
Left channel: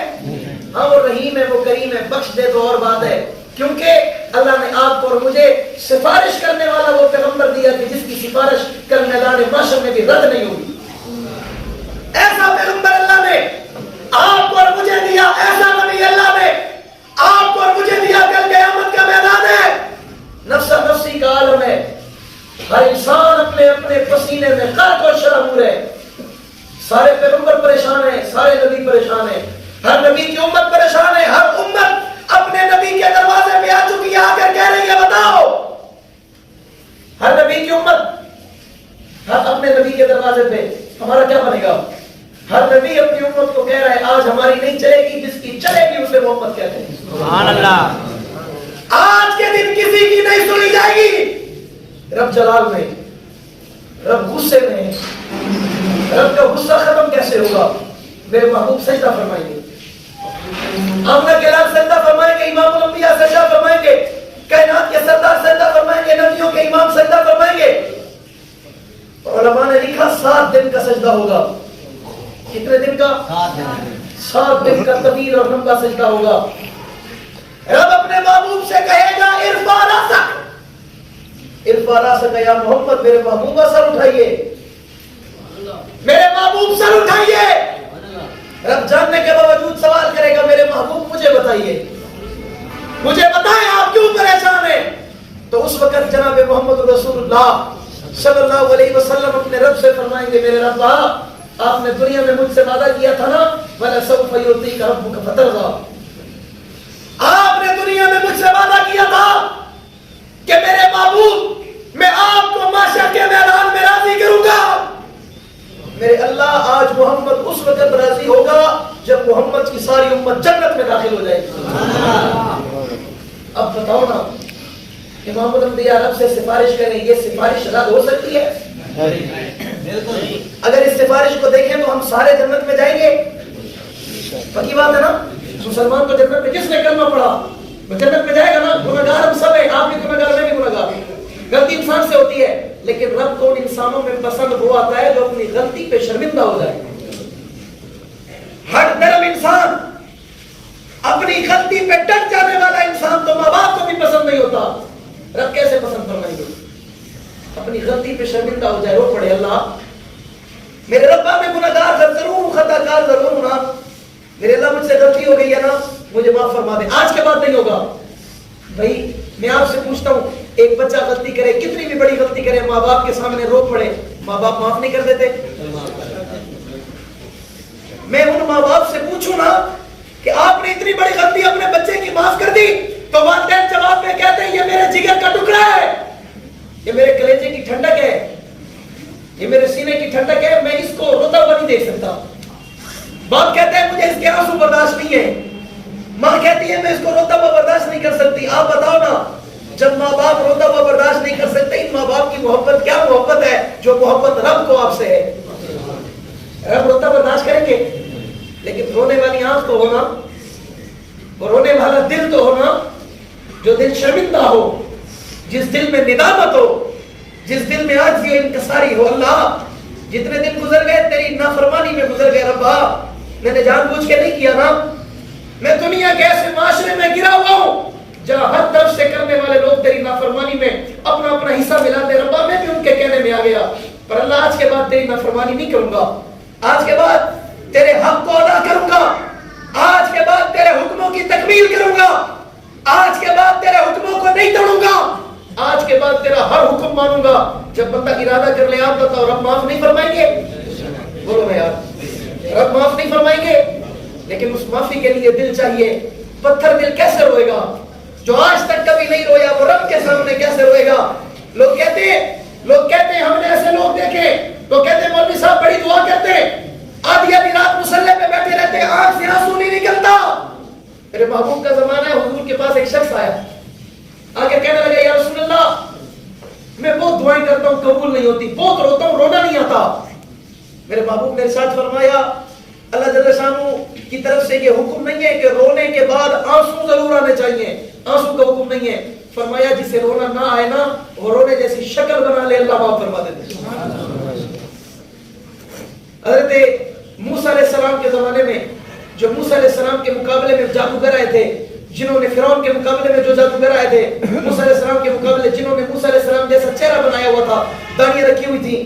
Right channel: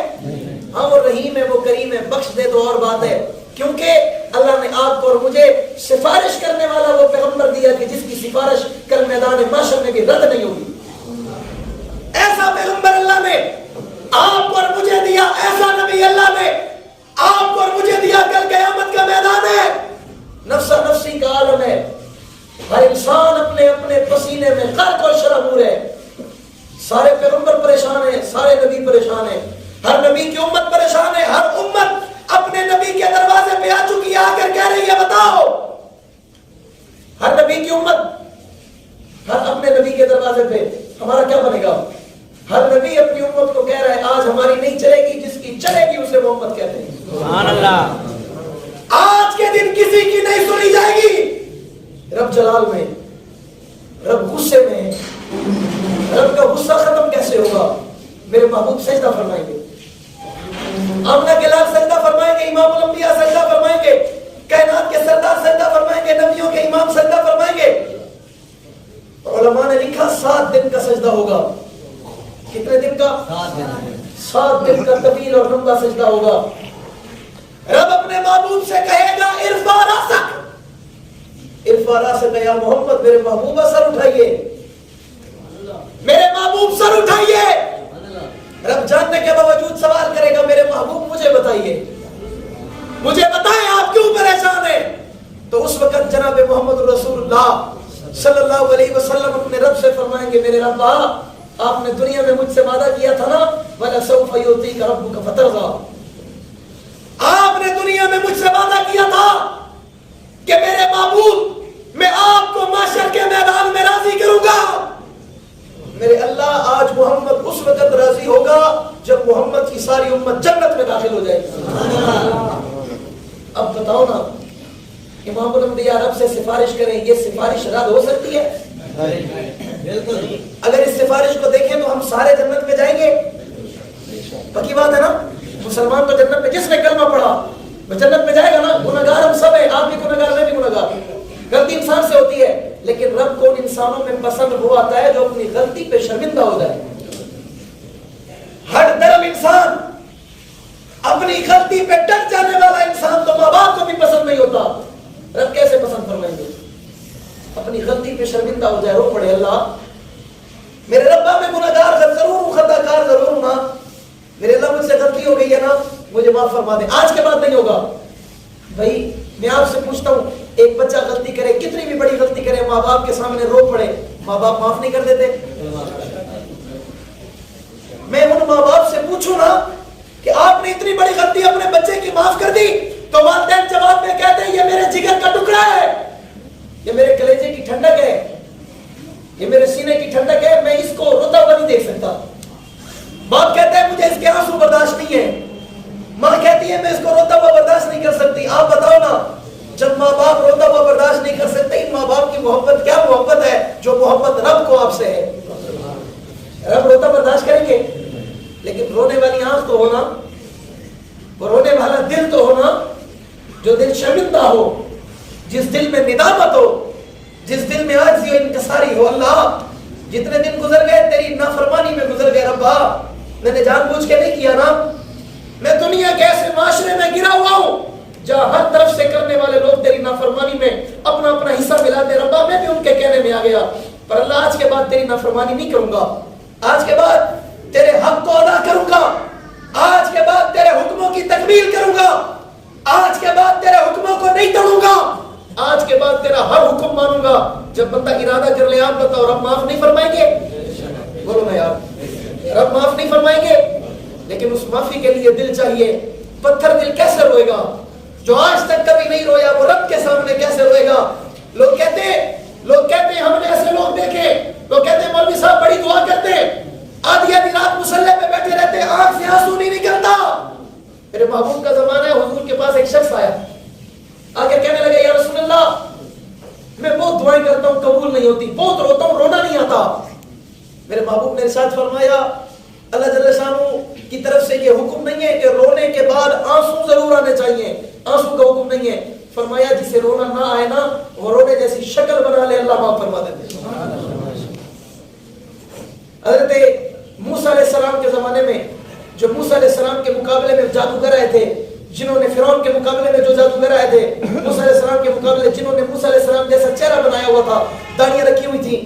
ہاں وہ رحیم ہے، وہ کریم ہے، بخش دے تو اور بات ہے. کیونکہ اللہ نے آپ کو اور مجھے سفارش کرنے والا وہ پیغمبر دیا کہ جس کی سفارش کل میدان محشر میں بھی رد نہیں ہوگی. ایسا پیغمبر اللہ نے آپ کو اور مجھے دیا, ایسا نبی اللہ نے آپ کو اور مجھے دیا. کل قیامت کا میدان ہے, نفسا نفسی کا عالم ہے, ہر انسان اپنے اپنے پسینے میں غرق و شرابور ہے. سارے پیغمبر پریشان ہیں, سارے نبی پریشان ہیں, ہر نبی کی امت پریشان ہے. ہر امت اپنے نبی کے دروازے پہ آ چکی ہے, آ کر کہہ رہی ہے بتاؤ. ہر نبی کی امت ہر اپنے نبی کے دروازے پہ ہمارا کیا بنے گا؟ ہر نبی اپنی امت کو کہہ رہا ہے آج ہماری نہیں چلے گی, جس کی چلے گی اسے وہ امت کہتے ہیں. سبحان اللہ. آج کے دن کسی کی نہیں سنی جائے گی. رب جلال میں, رب غصے میں, رب کا غصہ ختم کیسے ہوگا؟ میرے محبوب سجدہ فرمائیں گے, آمنہ کے لاکھ سجدہ فرمائیں گے, امام الانبیاء سجدہ فرمائیں گے, کائنات کے سردار سجدہ فرمائیں گے, نبیوں کے امام سجدہ فرمائیں گے. علماء نے لکھا 7 دن کا سجدہ ہوگا. کتنے دن کا؟ 7 دن کا طویل اور لمبا سجدہ ہوگا. رب اپنے محبوب سے کہے گا ارفع راسک, ارفع راسک یا محمد, میرے محبوبہ سر اٹھائیے, میرے محبوب سر اٹھائیے. رب جاننے کے باوجود سوال کرے گا میرے محبوب مجھے بتائیے, مجھے بتائیں آپ کیوں پریشان ہیں. تو اس وقت جناب محمد رسول اللہ صلی اللہ علیہ وسلم اپنے رب سے فرمائیں گے میرے رب آپ نے دنیا میں مجھ سے وعدہ کیا تھا نا, وَلَسَوْفَ يُعْطِيكَ رَبُّكَ فَتَرْضَىٰ, آپ نے دنیا میں مجھ سے وعدہ کیا تھا کہ میرے محبوب میں آپ کو محشر کے میدان میں راضی کروں گا. میرے اللہ آج محمد اس وقت راضی ہوگا جب محمد کی ساری امت جنت میں داخل ہو جائے گی. اب بتاؤ نا, امام الانبیاء رب سے سفارش کریں, یہ سفارش رد ہو سکتی ہے؟ اگر اس سفارش کو دیکھیں تو ہم سارے جنت میں جائیں گے. پکی بات ہے نا, مسلمان تو جنت میں, جس نے کلمہ پڑھا وہ جنت میں جائے گا نا. گناہگار ہم سب ہیں, آپ بھی گناہگار, میں بھی گناہگار, غلطی انسان سے ہوتی ہے, لیکن رب کو ان انسانوں میں پسند وہ آتا ہے جو اپنی غلطی پہ شرمندہ ہو جائے. ہر درم انسان, اپنی غلطی پہ ڈٹ جانے والا انسان تو ماں باپ کو بھی پسند نہیں ہوتا. رب کیسے پسند فرمائیں گے؟ اپنی غلطی پہ شرمندہ ہو جائے, رو پڑے اللہ میرے ربا میں گناہگار ضرور ہوں, خطا کار ضرور ہوں نا, میرے اللہ مجھ سے غلطی ہو گئی ہے نا, مجھے معاف فرما دے. آج کے بعد نہیں ہوگا. بھائی میں آپ سے پوچھتا ہوں, ایک بچہ غلطی کرے, کتنی بھی بڑی غلطی کرے, ماں باپ کے سامنے رو پڑے, ماں باپ معاف نہیں کر دیتے؟ میں ان ماں باپ سے پوچھوں نا کہ آپ نے اتنی بڑی غلطی اپنے بچے کی معاف کر دی, تو والدین جواب میں کہتے ہیں یہ میرے جگر کا ٹکڑا ہے, یہ میرے کلیجے کی ٹھنڈک ہے, یہ میرے سینے کی ٹھنڈک ہے, میں اس کو روتا ہوا نہیں دیکھ سکتا. باپ کہتے ہیں مجھے اس کے آنسو برداشت نہیں ہے, ماں کہتی ہے میں اس کو روتا ہوا برداشت نہیں کر سکتی. آپ بتاؤ نا, جب ماں باپ روتا ہوا برداشت نہیں کر سکتے, ماں باپ کی محبت کیا محبت ہے جو محبت رب کو آپ سے ہے. رب روتا برداشت کریں گے, لیکن رونے والی آنکھ تو ہونا, رونے والا دل تو ہونا, جو دل شرمندہ ہو, جس دل میں ندامت ہو, جس دل میں عاجزی و انکساری ہو. اللہ جتنے دن گزر گئے تیری نافرمانی میں گزر گئے ربا, میں نے جان بوجھ کے نہیں کیا نا. میں دنیا کے ایسے معاشرے میں گرا ہوا ہوں جہاں ہر طرف سے کرنے والے لوگ تیری نافرمانی میں اپنا اپنا حصہ ملاتے. ربا میں بھی ان کے کہنے میں آ گیا, پر اللہ آج کے بعد تیری نافرمانی نہیں کروں گا, آج کے بعد تیرے حق کو ادا کروں گا, آج کے بعد تیرے حکموں کی تکمیل کروں گا, آج کے بعد تیرے حکموں کو نہیں توڑوں گا, آج کے بعد تیرا ہر حکم مانوں گا. جب بندہ ارادہ کر لے, آپ بتاؤ رب معاف نہیں فرمائیں گے؟ بولو نا یار, رب معاف نہیں فرمائیں گے؟ لیکن اس معافی کے لیے دل چاہیے. پتھر دل کیسے روئے گا جو آج تک کبھی نہیں رویا, وہ رب کے سامنے کیسے روئے گا؟ لوگ کہتے ہیں ہم نے ایسے لوگ دیکھے, لوگ کہتے ہیں مولوی صاحب بڑی دعا کرتے, آدھی آدھی رات مصلے پہ بیٹھے رہتے, آنکھ سے آنسو نہیں نکلتا. میرے محبوب کا زمانہ ہے, حضور کے پاس ایک شخص آیا, آگے کہنے لگا یا رسول اللہ میں بہت دعائیں کرتا ہوں قبول نہیں ہوتی, بہت روتا ہوں رونا نہیں آتا. میرے محبوب نے ارشاد فرمایا اللہ جل شانہ کی طرف سے یہ حکم نہیں ہے کہ رونے کے بعد آنسو ضرور آنے چاہیے, آنسو کا حکم نہیں ہے. فرمایا جسے رونا نہ آئے نا وہ رونے جیسی شکل بنا لے, اللہ معاف فرما دیتے. حضرت موسیٰ علیہ السلام کے زمانے میں جو موسیٰ علیہ السلام کے مقابلے میں جادوگر آئے تھے, جنہوں نے فرعون کے مقابلے میں جو جادوگر آئے تھے، موسیٰ علیہ السلام کے مقابلے جنہوں نے موسیٰ علیہ السلام جیسا چہرہ بنایا ہوا تھا، داڑیاں رکھی ہوئی تھی،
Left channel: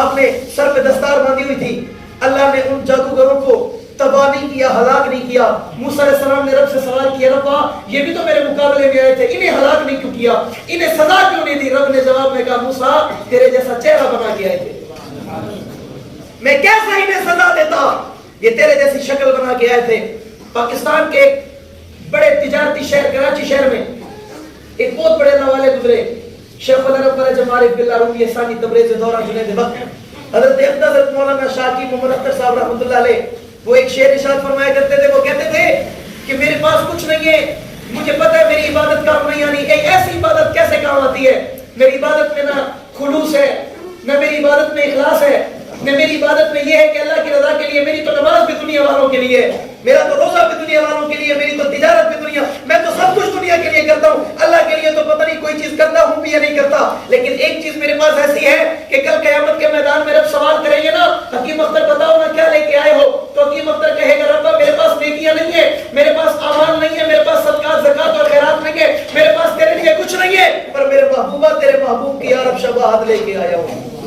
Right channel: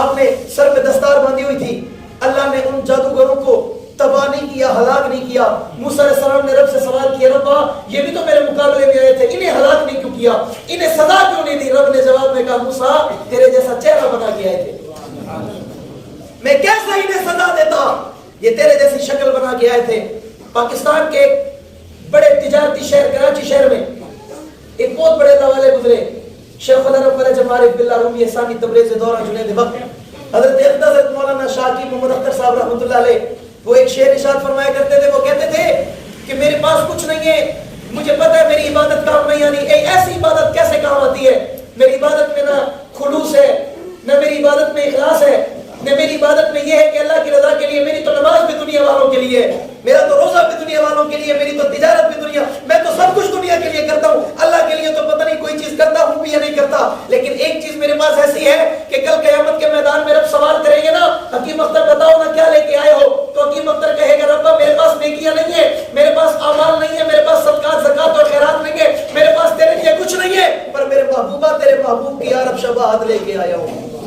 آپ نے سر پہ دستار باندھی ہوئی تھی، اللہ نے ان جادوگروں کو تباہ نہیں کیا، ہلاک نہیں کیا۔ موسیٰ علیہ السلام نے رب سے سوال کیا، ربا یہ بھی تو میرے مقابلے میں آئے تھے، انہیں ہلاک نہیں کیوں کیا، انہیں سزا کیوں نہیں دی؟ رب نے جواب میں کہا، موسیٰ تیرے جیسا چہرہ بنا کے آئے تھے، میں کیسا انہیں سزا دیتا، یہ تیرے جیسی شکل بنا کے آئے تھے۔ پاکستان کے بڑے تجارتی شہر کراچی شہر میں ایک بہت بڑے اللہ والے گزرے، شیخ العرب فرج عارف باللہ رومی ثانی تبریز دورہ جنید وقت، حضرت مولانا شاکی محمد اختر صاحب رحمۃ اللہ علیہ، وہ ایک شعر ارشاد فرمایا کرتے تھے، وہ کہتے تھے کہ میرے پاس کچھ نہیں ہے، مجھے پتہ ہے میری عبادت کام نہیں آنی، ایک ایسی عبادت کیسے کام آتی ہے؟ میری عبادت میں نہ خلوص ہے، نہ میری عبادت میں اخلاص ہے، نہ میری عبادت میں یہ ہے کہ اللہ کی رضا کے لیے، میری تو نماز بھی دنیا والوں کے لیے، میرا تو روزہ بھی دنیا والوں کے لیے، میری تو تجارت بھی دنیا، میں تو سب کچھ دنیا کے لیے کرتا ہوں، اللہ کے لیے تو پتہ نہیں کوئی چیز کرتا ہوں بھی یا نہیں کرتا۔ لیکن ایک چیز میرے پاس ایسی ہے کہ کل قیامت کے میدان میں رب سوال کریں گے نا، حکیم اختر بتاؤ نا کیا لے کے آئے ہو، تو حکیم اختر کہے گا، رب میرے پاس نیکیاں نہیں ہے، میرے پاس اعمال نہیں ہے، میرے پاس صدقات زکات اور خیرات نہیں ہے، میرے پاس تیرے لیے کچھ نہیں ہے، پر میرے محبوبہ تیرے محبوب کی یارب شفاعت لے کے آیا ہوں،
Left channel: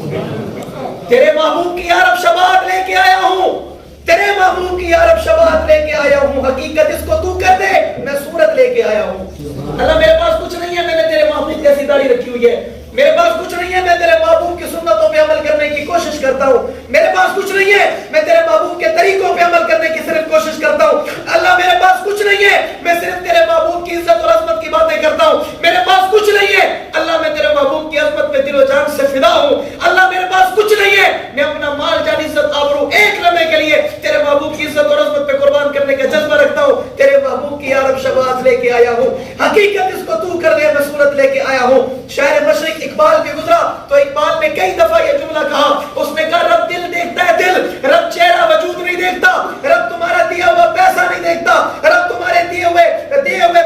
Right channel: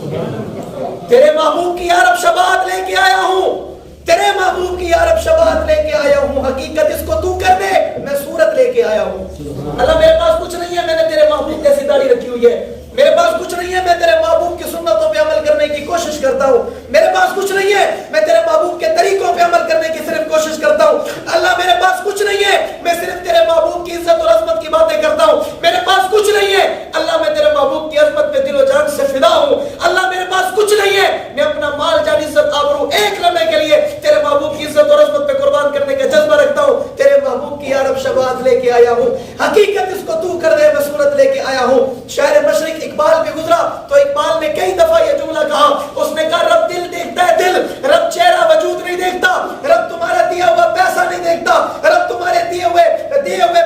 تیرے محبوب کی یارب شفاعت لے کے آیا ہوں، تیرے محبوب کی یارب شفاعت لے کے آیا ہوں، حقیقت اس کو تو کر دے، میں صورت لے کے آیا ہوں۔ اللہ میرے پاس کچھ نہیں ہے، میں نے تیرے محبوب جیسی داڑھی رکھی ہوئی ہے، میرے پاس کچھ نہیں ہے، میں تیرے محبوب کی سنتوں پہ عمل کرنے کی کوشش کرتا ہوں، میرے پاس کچھ نہیں ہے، میں تیرے محبوب کے طریقوں پہ عمل کرنے کی صرف کوشش کرتا ہوں۔ اللہ میرے پاس کچھ نہیں ہے، میں صرف تیرے محبوب کی عزت اور عظمت کی باتیں کرتا ہوں، میرے پاس کچھ نہیں ہے، اللہ میں تیرے محبوب کی عظمت پہ دل و جان سے فدا ہوں۔ اللہ میرے پاس کچھ نہیں ہے، میں اپنا مال جان عزت آبرو ایک لمحے کے لیے تیرے محبوب کی عزت اور عظمت پہ قربان کرنے کا جذبہ رکھتا ہوں، تیرے محبوب کی یارب شفاعت لے کے آیا ہوں، حقیقت اس کو تو کر دے، میں صورت لے کے آیا ہوں۔ شاعر مشرق اقبال بھی گزرا تو اقبال نے کئی دفعہ یہ جملہ کہا، اس نے کہا رب دل دیکھتا ہے دل، رب چہرہ وجود نہیں دیکھتا، رب تمہارا دیا ہوا پیسہ نہیں دیکھتا، رب تمہارے دیے ہوئے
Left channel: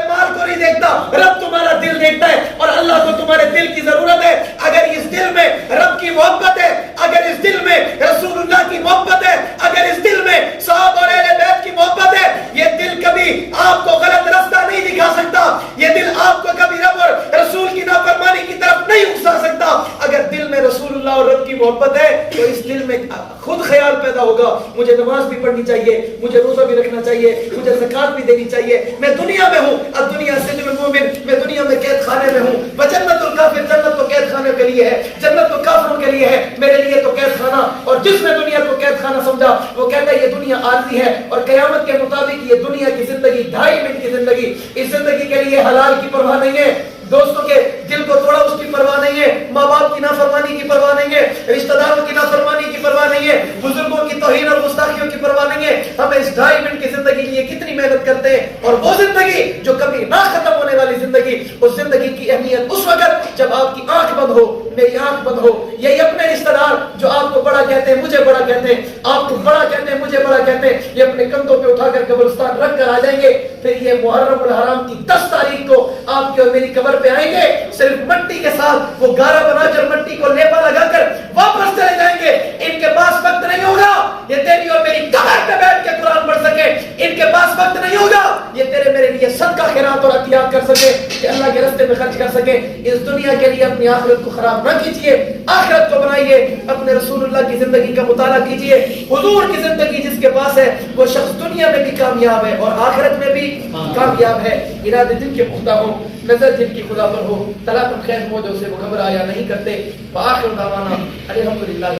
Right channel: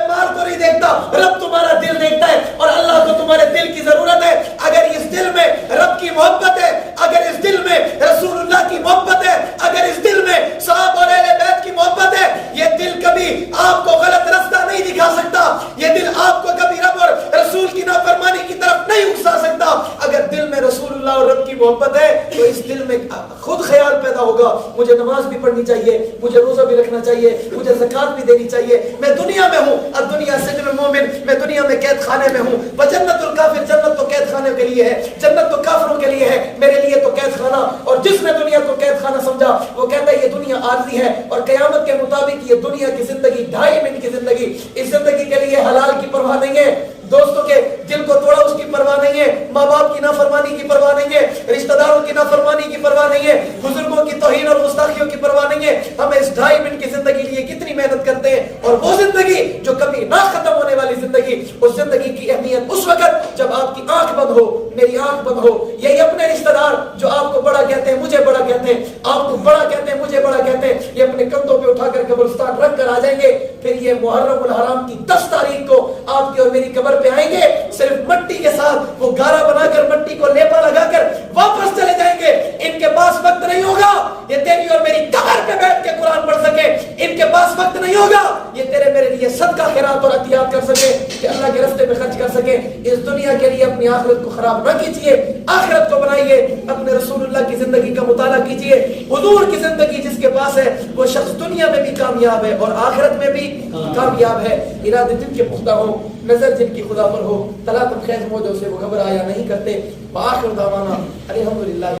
مال کو نہیں دیکھتا، رب تمہارا دل دیکھتا ہے، اور اللہ کو تمہارے دل کی ضرورت ہے۔ اگر اس دل میں رب کی محبت ہے، اگر اس دل میں رسول اللہ کی محبت ہے، اگر اس دل میں صحابہ اور اہل بیت کی محبت ہے، یہ دل کبھی آپ کو غلط راستہ نہیں دکھا سکتا، یہ دل آپ کو کبھی رب اور رسول کی نافرمانی کی طرف نہیں اکسا سکتا۔ اگر دل میں رسول اللہ اور رب کی محبت ہے تو اس دل میں خود خیال پیدا ہوگا، مجھے نماز بھی پڑھنی چاہیے، مجھے روزہ بھی رکھنا چاہیے، مجھے زکات بھی دینی چاہیے، میں دنیا میں ہوں، اب دنیا سجن المومن، میں دنیا میں قید خانے میں ہوں، وجنت الکافر، جنت تو قید خانے کے لیے ہے، جنت تو کافروں کے لیے ہے، میرے لیے تو قید خانہ، اور جس نے دنیا کو قید خانہ سمجھا وہ کہتا ہے یہ دنیا عارضی ہے، اور قیامت کے مطابق یہ دنیا کی زندگی 2.5 منٹ کی زندگی، اس زندگی کے لیے حلال کی پرواہ نہیں ہے، دوستوں کے دل کو توڑا اس کی پرواہ نہیں ہے، ماں باپ کی نافرمانی کی پرواہ نہیں ہے، رشتہ داروں کی نافرمانی کی پرواہ نہیں ہے، بزرگوں کی توہین اور گستاخیوں کی پرواہ نہیں ہے۔ ہم اس 2.5 منٹ کی زندگی کے لیے کتنی محنت کرتے ہیں، اور وہ زندگی جو کبھی نہ ختم ہونے والی زندگی، اس زندگی کی اہمیت اس وقت جب آپ کی آنکھ بند ہو، میری آنکھ بند ہو، یہی اپنے رشتہ دار جو آپ کو بڑا کہتے ہیں، مجھے بڑا کہتے ہیں، آپ کو بڑا کہتے ہیں، مجھے بڑا کہتے ہیں، یہ اپنے کندھوں پہ اٹھا کر قبرستان رکھ کر آ جائیں گے، پھر یہ محرم الحرام کی 10 تاریخ کو آپ کی اور میری قبر پہ آئیں گے، صرف مٹی کے ساتھ وہ گارا بنا کر مٹی کو لیپا لگا کر واپس چلے جائیں گے۔ ان کے پاس وقت نہیں ہوگا یہ تیری اور میری قبر پہ بیٹھ کے قرآن پڑھ سکے، ان کے پاس وقت نہیں ہوگا یہ تیرے میرے لیے صدقہ خیرات اور عطیات کر سکے، کہ اللہ کے راستے میں خرچ کر سکے۔ اس دنیا کے لیے اپنی آخرت کو خراب نہ کیجیے، آخرت کو بنائیے، اپنے رسول اللہ کی زندگی کا مطالعہ کیجیے۔ حضور کی زندگی جس کے پاس ہے وہ شخص دنیا میں بھی کامیاب ہے اور آخرت میں بھی کامیاب ہے۔ ارادے جن کے پختہ ہو، نظر جن کی خدا پر ہو، طلاق خیر موجوں سے وہ گھبرایا نہیں کرتے۔ وآخر دعوانا الحمدللہ۔